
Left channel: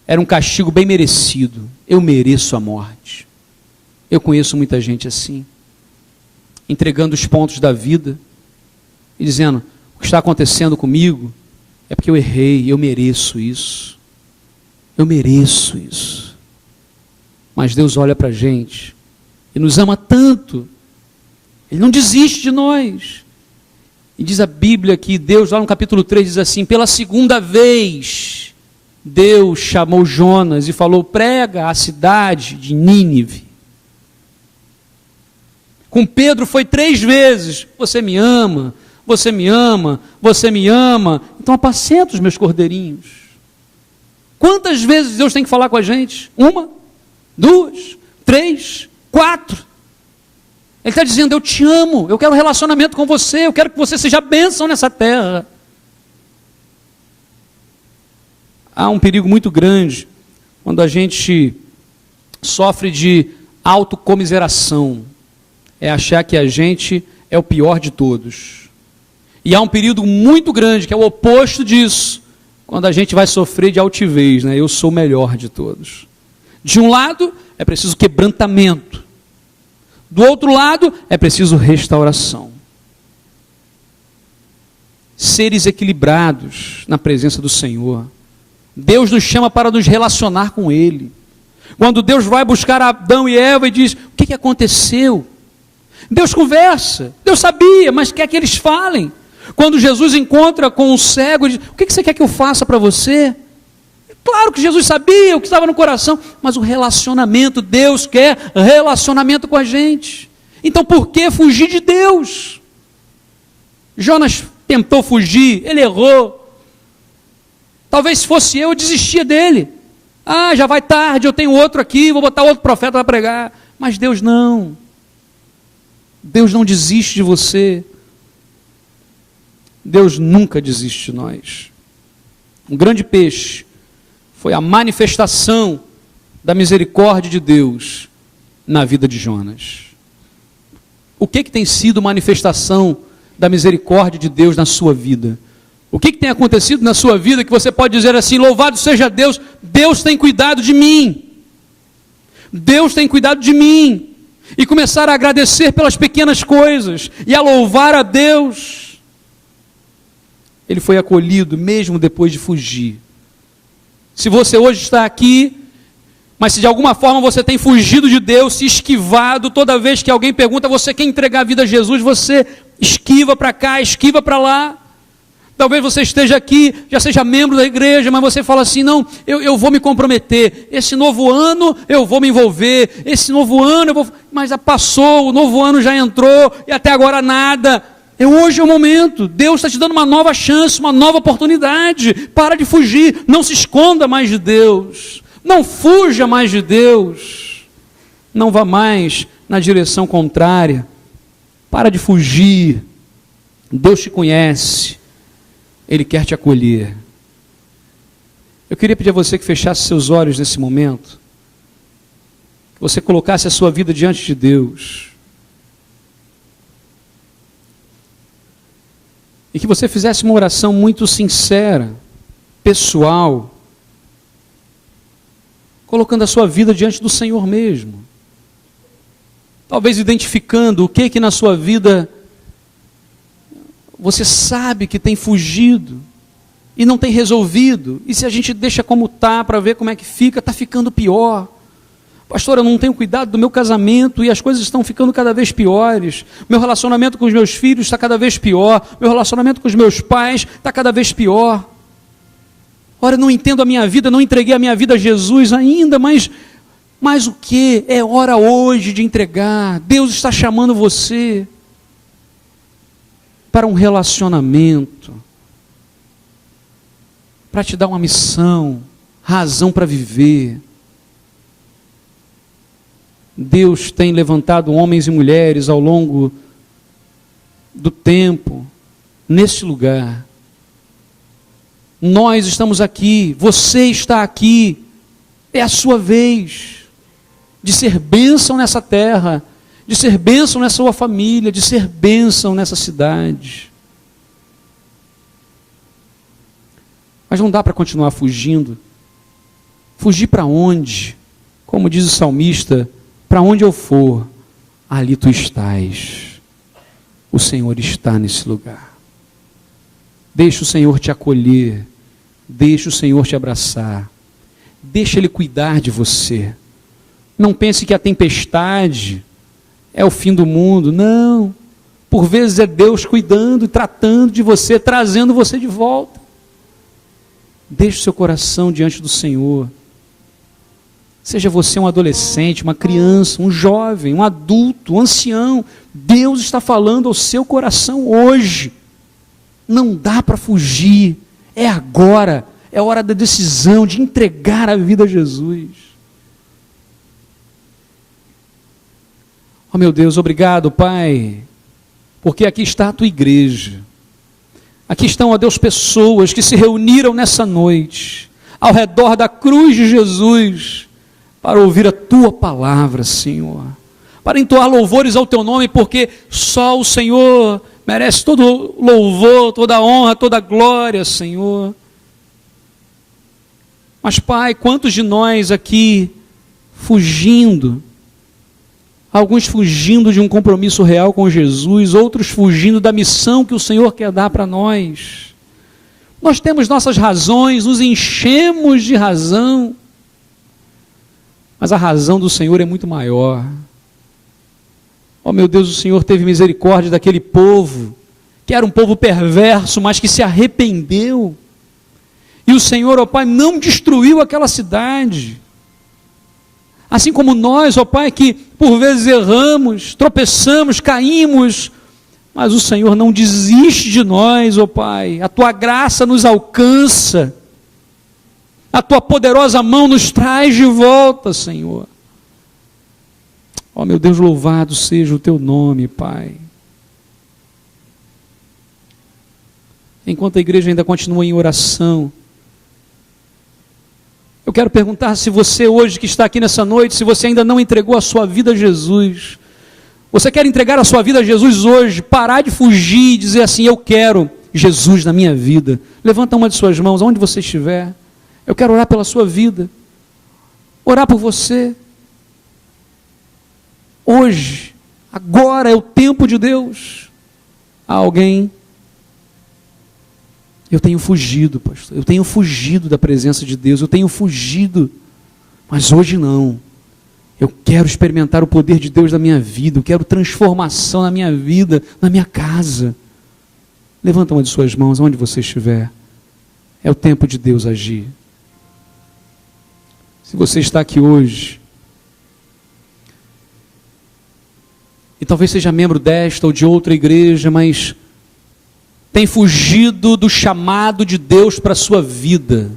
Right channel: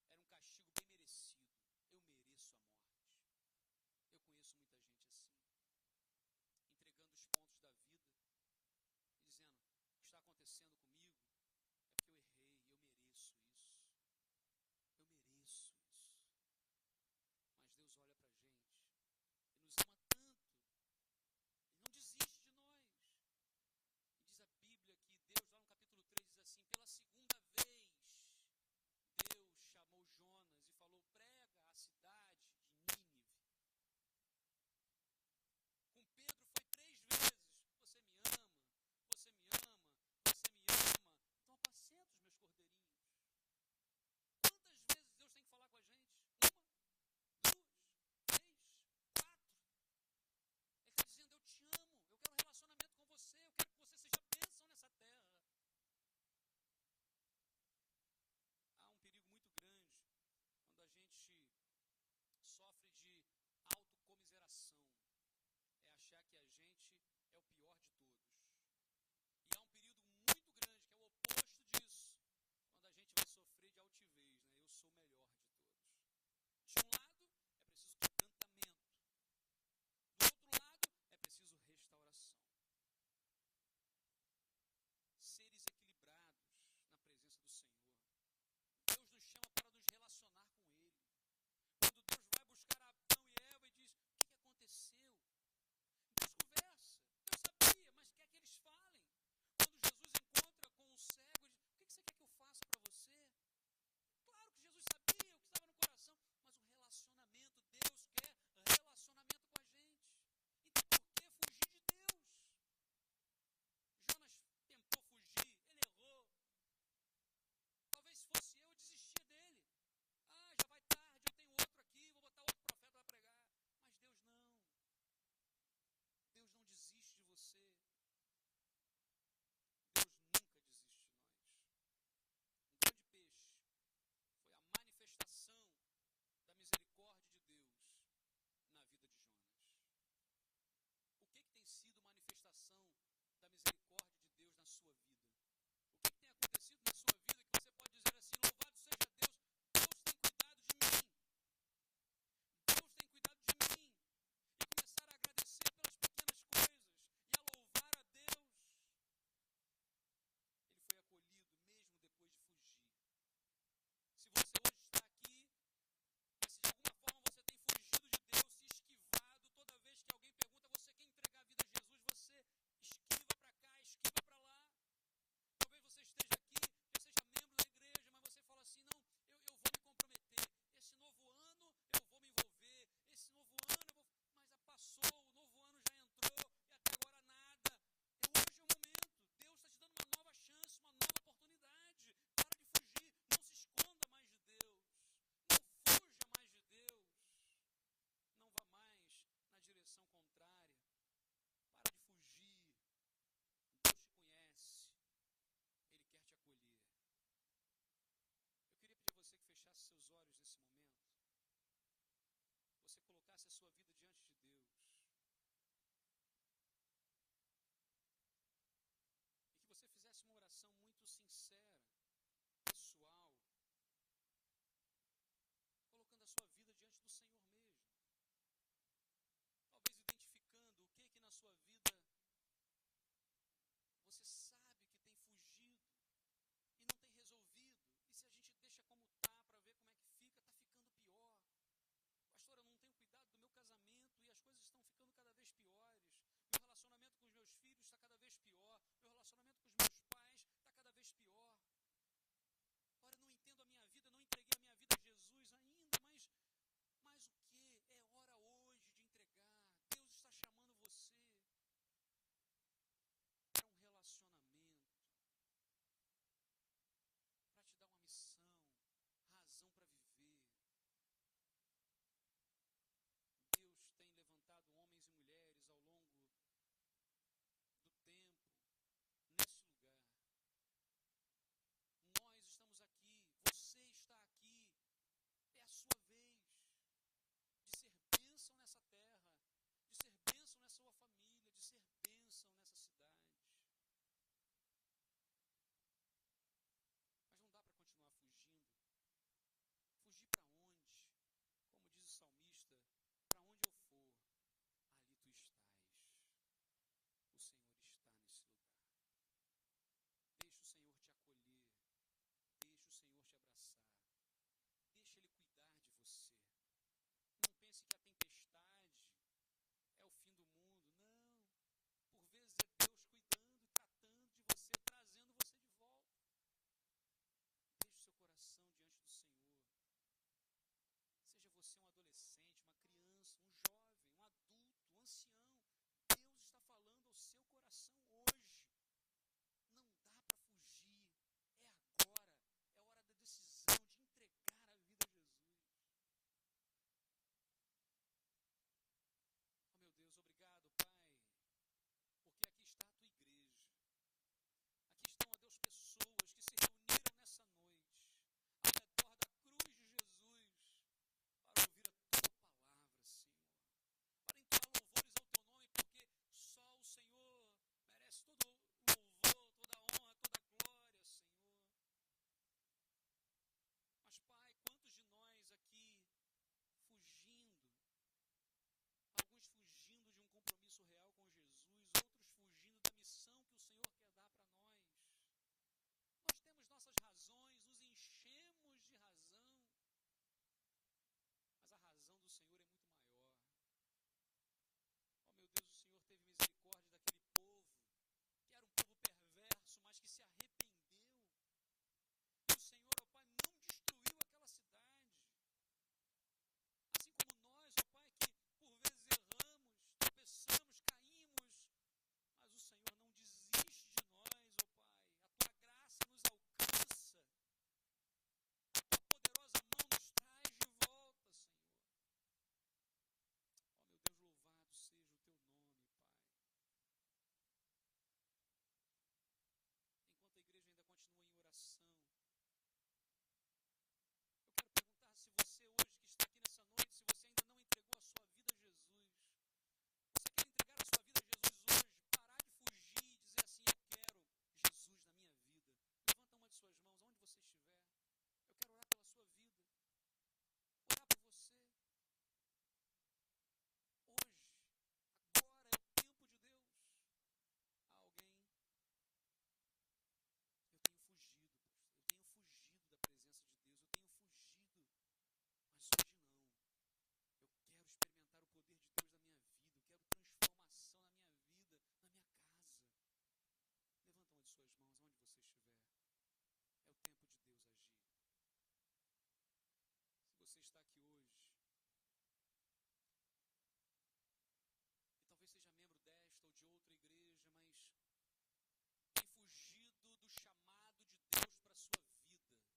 era um castigo bem merecido. Eu mereço a morte. Eu conheço muita gente assim, entregando os pontos da vida e dizendo: o que está acontecendo comigo é porque eu errei, eu mereço isso. Eu mereço isso. Mas Deus olha para a gente e nos ama tanto, Ele não desiste de nós. E diz a Bíblia que Deus, lá no capítulo 3, diz assim: pela segunda vez, Deus chamou Jonas e falou: prega a cidade de Nínive. Com Pedro foi 3 vezes: você me ama, você me ama, você me ama, então apacenta os meus cordeirinhos. Quantas vezes Deus tem que falar com a gente? 1, 2, 3, 4. Ele está dizendo: eu te amo, eu quero um relacionamento com você, eu quero que você seja bênção nessa terra. Há um perigo muito grande quando a gente sofre de autocomiseração, é achar que a gente é o pior de todos. E há um período muito grande, que é o oposto disso, quando a gente vai sofrer de altivez, né? Eu sou o melhor de todos. De um lado, é preciso quebrantamento. Do outro lado, é preciso restauração. Seres equilibrados na presença do Senhor. Deus nos chama para nos relacionar com Ele. Quando Deus vai buscar Adão e Eva e diz: o que aconteceu? Deus conversa, Deus sabia, mas quer que eles falem. Quando Jesus encontra com um cego e diz: o que você quer que eu faça para você? Claro que Jesus sabia o que estava no coração, mas o relacionamento, Deus quer relacionamento com a gente. Então por que fugir de Deus? Jonas tentou fugir, ele errou. Talvez se fosse eu desistia dele. Já vai tarde, eu tenho outro aqui, vou botar outro profeta para pregar. Mas Deus não. Deus não desiste de você. Deus nunca desiste de nós. Um grande peixe foi a manifestação da misericórdia de Deus na vida de Jonas. O que tem sido manifestação da misericórdia de Deus na sua vida? O que tem acontecido na sua vida que você pode dizer assim: louvado seja Deus, Deus tem cuidado de mim. Deus tem cuidado de mim. E começar a agradecer pelas pequenas coisas e a louvar a Deus. Ele foi acolhido mesmo depois de fugir. Se você hoje está aqui Mas se de alguma forma você tem fugido de Deus, se esquivado, toda vez que alguém pergunta, você quer entregar a vida a Jesus, você esquiva para cá, esquiva para lá. Talvez você esteja aqui, já seja membro da igreja, mas você fala assim, não, eu vou me comprometer, esse novo ano eu vou me envolver, esse novo ano eu vou... Mas já passou, o novo ano já entrou, e até agora nada. Hoje é o momento, Deus está te dando uma nova chance, uma nova oportunidade. Para de fugir, não se esconda mais de Deus, não fuja mais de Deus, não vá mais na direção contrária, para de fugir. Deus te conhece, Ele quer te acolher. Eu queria pedir a você que fechasse seus olhos nesse momento, que você colocasse a sua vida diante de Deus, e que você fizesse uma oração muito sincera, pessoal, colocando a sua vida diante do Senhor mesmo, talvez identificando o que na sua vida você sabe que tem fugido e não tem resolvido, e se a gente deixa como está para ver como é que fica, está ficando pior. Pastor, eu não tenho cuidado do meu casamento e as coisas estão ficando cada vez piores. Meu relacionamento com os meus filhos está cada vez pior. Meu relacionamento com os meus pais está cada vez pior. Ora, eu não entendo a minha vida, não entreguei a minha vida a Jesus ainda, mas o que? É hora hoje de entregar. Deus está chamando você para um relacionamento, para te dar uma missão, razão para viver. Deus tem levantado homens e mulheres ao longo do tempo, neste lugar. Nós estamos aqui, você está aqui, é a sua vez de ser bênção nessa terra, de ser bênção nessa sua família, de ser bênção nessa cidade. Mas não dá para continuar fugindo. Fugir para onde? Como diz o salmista, para onde eu for, ali tu estás. O Senhor está nesse lugar. Deixa o Senhor te acolher, deixa o Senhor te abraçar, deixa Ele cuidar de você. Não pense que a tempestade é o fim do mundo, não. Por vezes é Deus cuidando e tratando de você, trazendo você de volta. Deixe o seu coração diante do Senhor. Seja você um adolescente, uma criança, um jovem, um adulto, um ancião, Deus está falando ao seu coração hoje. Não dá para fugir, é agora, é hora da decisão de entregar a vida a Jesus. Oh meu Deus, obrigado, Pai, porque aqui está a tua igreja. Aqui estão, ó Deus, pessoas que se reuniram nessa noite, ao redor da cruz de Jesus, para ouvir a tua palavra, Senhor, para entoar louvores ao teu nome, porque só o Senhor merece todo louvor, toda honra, toda glória, Senhor. Mas, Pai, quantos de nós aqui fugindo, alguns fugindo de um compromisso real com Jesus, outros fugindo da missão que o Senhor quer dar para nós. Nós temos nossas razões, nos enchemos de razão, mas a razão do Senhor é muito maior. Oh meu Deus, o Senhor teve misericórdia daquele povo, que era um povo perverso, mas que se arrependeu. E o Senhor, ó Pai, não destruiu aquela cidade. Assim como nós, ó Pai, que por vezes erramos, tropeçamos, caímos, mas o Senhor não desiste de nós, ó Pai. A Tua graça nos alcança. A Tua poderosa mão nos traz de volta, Senhor. Ó meu Deus, louvado seja o Teu nome, Pai. Enquanto a igreja ainda continua em oração, eu quero perguntar se você hoje que está aqui nessa noite, se você ainda não entregou a sua vida a Jesus, você quer entregar a sua vida a Jesus hoje, parar de fugir e dizer assim, eu quero Jesus na minha vida. Levanta uma de suas mãos, onde você estiver. Eu quero orar pela sua vida, orar por você. Hoje, agora é o tempo de Deus. Há alguém, eu tenho fugido, pastor, eu tenho fugido da presença de Deus, eu tenho fugido mas hoje não. Eu quero experimentar o poder de Deus na minha vida, eu quero transformação na minha vida, na minha casa. Levanta uma de suas mãos, onde você estiver. É o tempo de Deus agir. Se você está aqui hoje, e talvez seja membro desta ou de outra igreja, mas tem fugido do chamado de Deus para a sua vida.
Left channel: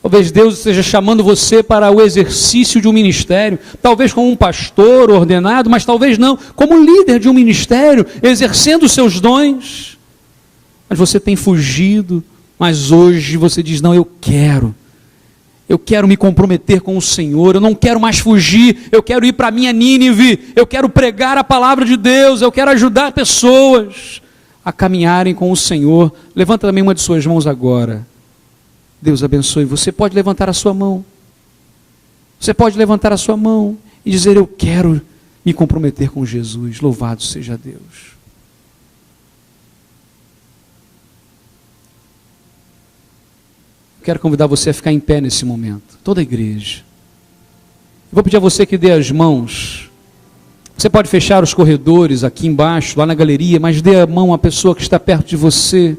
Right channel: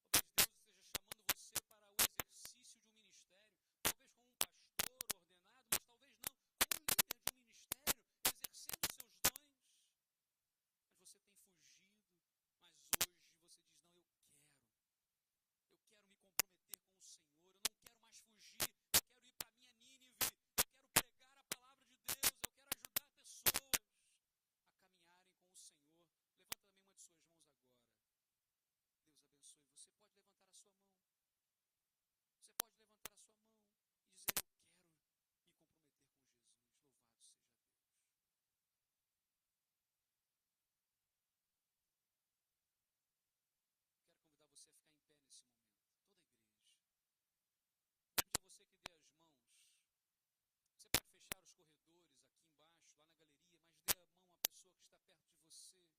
Talvez Deus esteja chamando você para o exercício de um ministério, talvez como um pastor ordenado, mas talvez não, como líder de um ministério, exercendo os seus dons. Mas você tem fugido, mas hoje você diz, não, eu quero me comprometer com o Senhor, eu não quero mais fugir, eu quero ir para a minha Nínive, eu quero pregar a palavra de Deus, eu quero ajudar pessoas a caminharem com o Senhor. Levanta também uma de suas mãos agora. Deus abençoe. Você pode levantar a sua mão. Você pode levantar a sua mão e dizer, eu quero me comprometer com Jesus. Louvado seja Deus. Quero convidar você a ficar em pé nesse momento, toda a igreja. Eu vou pedir a você que dê as mãos. Você pode fechar os corredores aqui embaixo, lá na galeria, mas dê a mão à pessoa que está perto de você.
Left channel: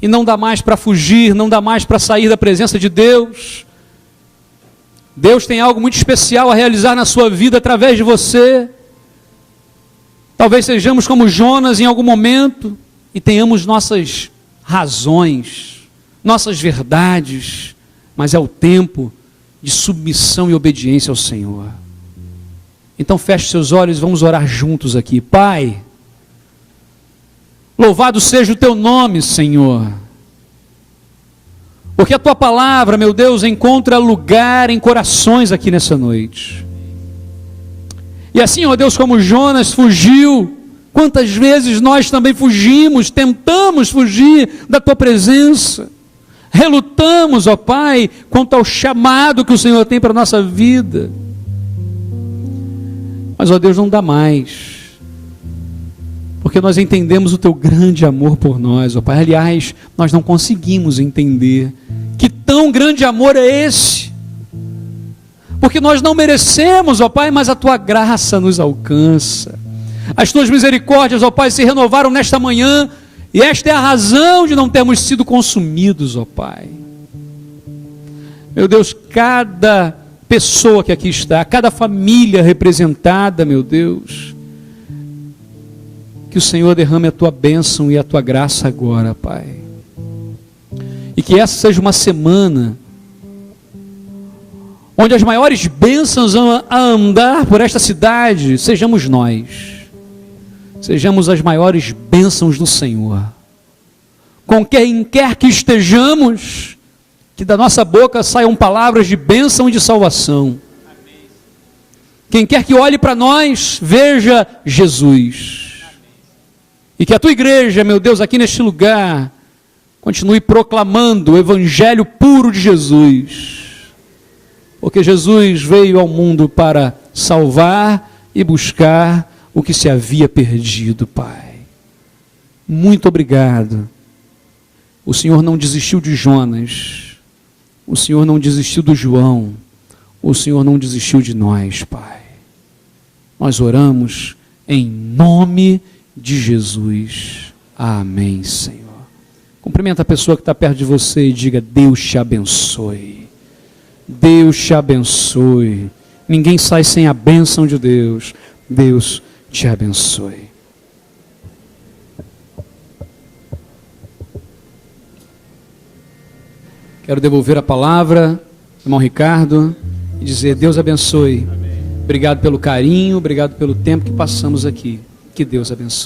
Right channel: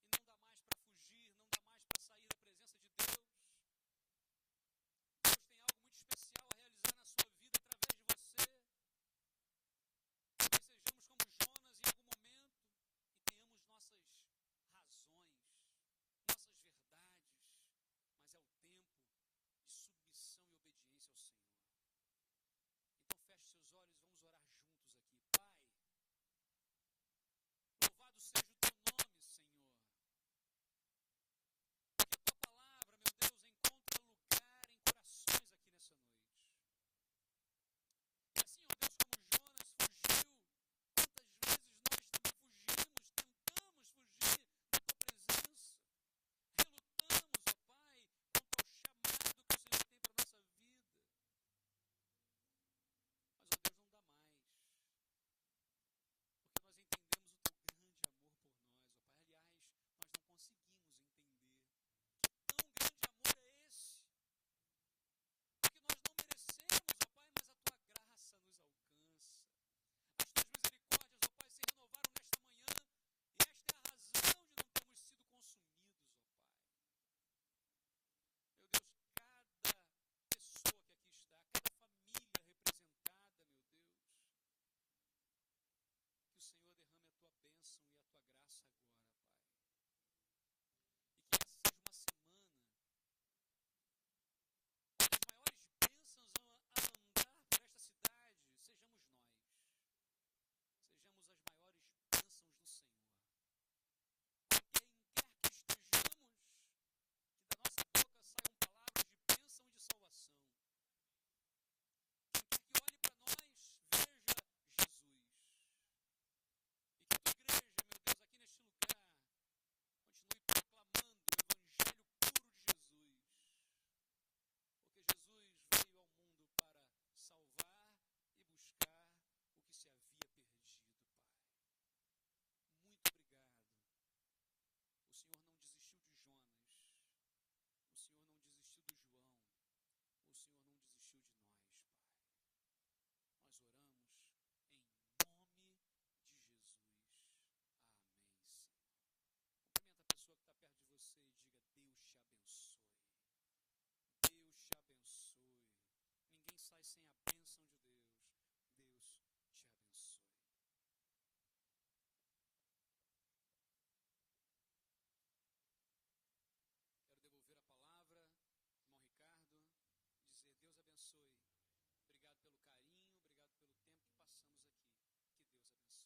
E não dá mais para fugir, não dá mais para sair da presença de Deus. Deus tem algo muito especial a realizar na sua vida através de você. Talvez sejamos como Jonas em algum momento e tenhamos nossas razões, nossas verdades, mas é o tempo de submissão e obediência ao Senhor. Então feche seus olhos e vamos orar juntos aqui. Pai, louvado seja o teu nome, Senhor, porque a tua palavra, meu Deus, encontra lugar em corações aqui nessa noite. E assim, ó Deus, como Jonas fugiu, quantas vezes nós também fugimos, tentamos fugir da tua presença, relutamos, ó Pai, quanto ao chamado que o Senhor tem para a nossa vida. Mas, ó Deus, não dá mais, porque nós entendemos o teu grande amor por nós, ó Pai. Aliás, nós não conseguimos entender que tão grande amor é esse, porque nós não merecemos, ó Pai, mas a tua graça nos alcança. As tuas misericórdias, ó Pai, se renovaram nesta manhã, e esta é a razão de não termos sido consumidos, ó Pai. Meu Deus, cada pessoa que aqui está, cada família representada, meu Deus, que o Senhor derrame a tua bênção e a tua graça agora, Pai. E que essa seja uma semana onde as maiores bênçãos a andar por esta cidade sejamos nós. Sejamos as maiores bênçãos do Senhor. Com quem quer que estejamos, que da nossa boca saiam palavras de bênção e de salvação. Amém. Quem quer que olhe para nós, veja Jesus. Amém. E que a tua igreja, meu Deus, aqui neste lugar, continue proclamando o evangelho puro de Jesus. Porque Jesus veio ao mundo para salvar e buscar o que se havia perdido, Pai. Muito obrigado. O Senhor não desistiu de Jonas. O Senhor não desistiu do João. O Senhor não desistiu de nós, Pai. Nós oramos em nome de Jesus. Amém, Senhor. Cumprimenta a pessoa que está perto de você e diga, Deus te abençoe. Deus te abençoe. Ninguém sai sem a bênção de Deus. Deus te abençoe. Quero devolver a palavra, irmão Ricardo, e dizer, Deus abençoe. Amém. Obrigado pelo carinho, obrigado pelo tempo que passamos aqui. Que Deus abençoe.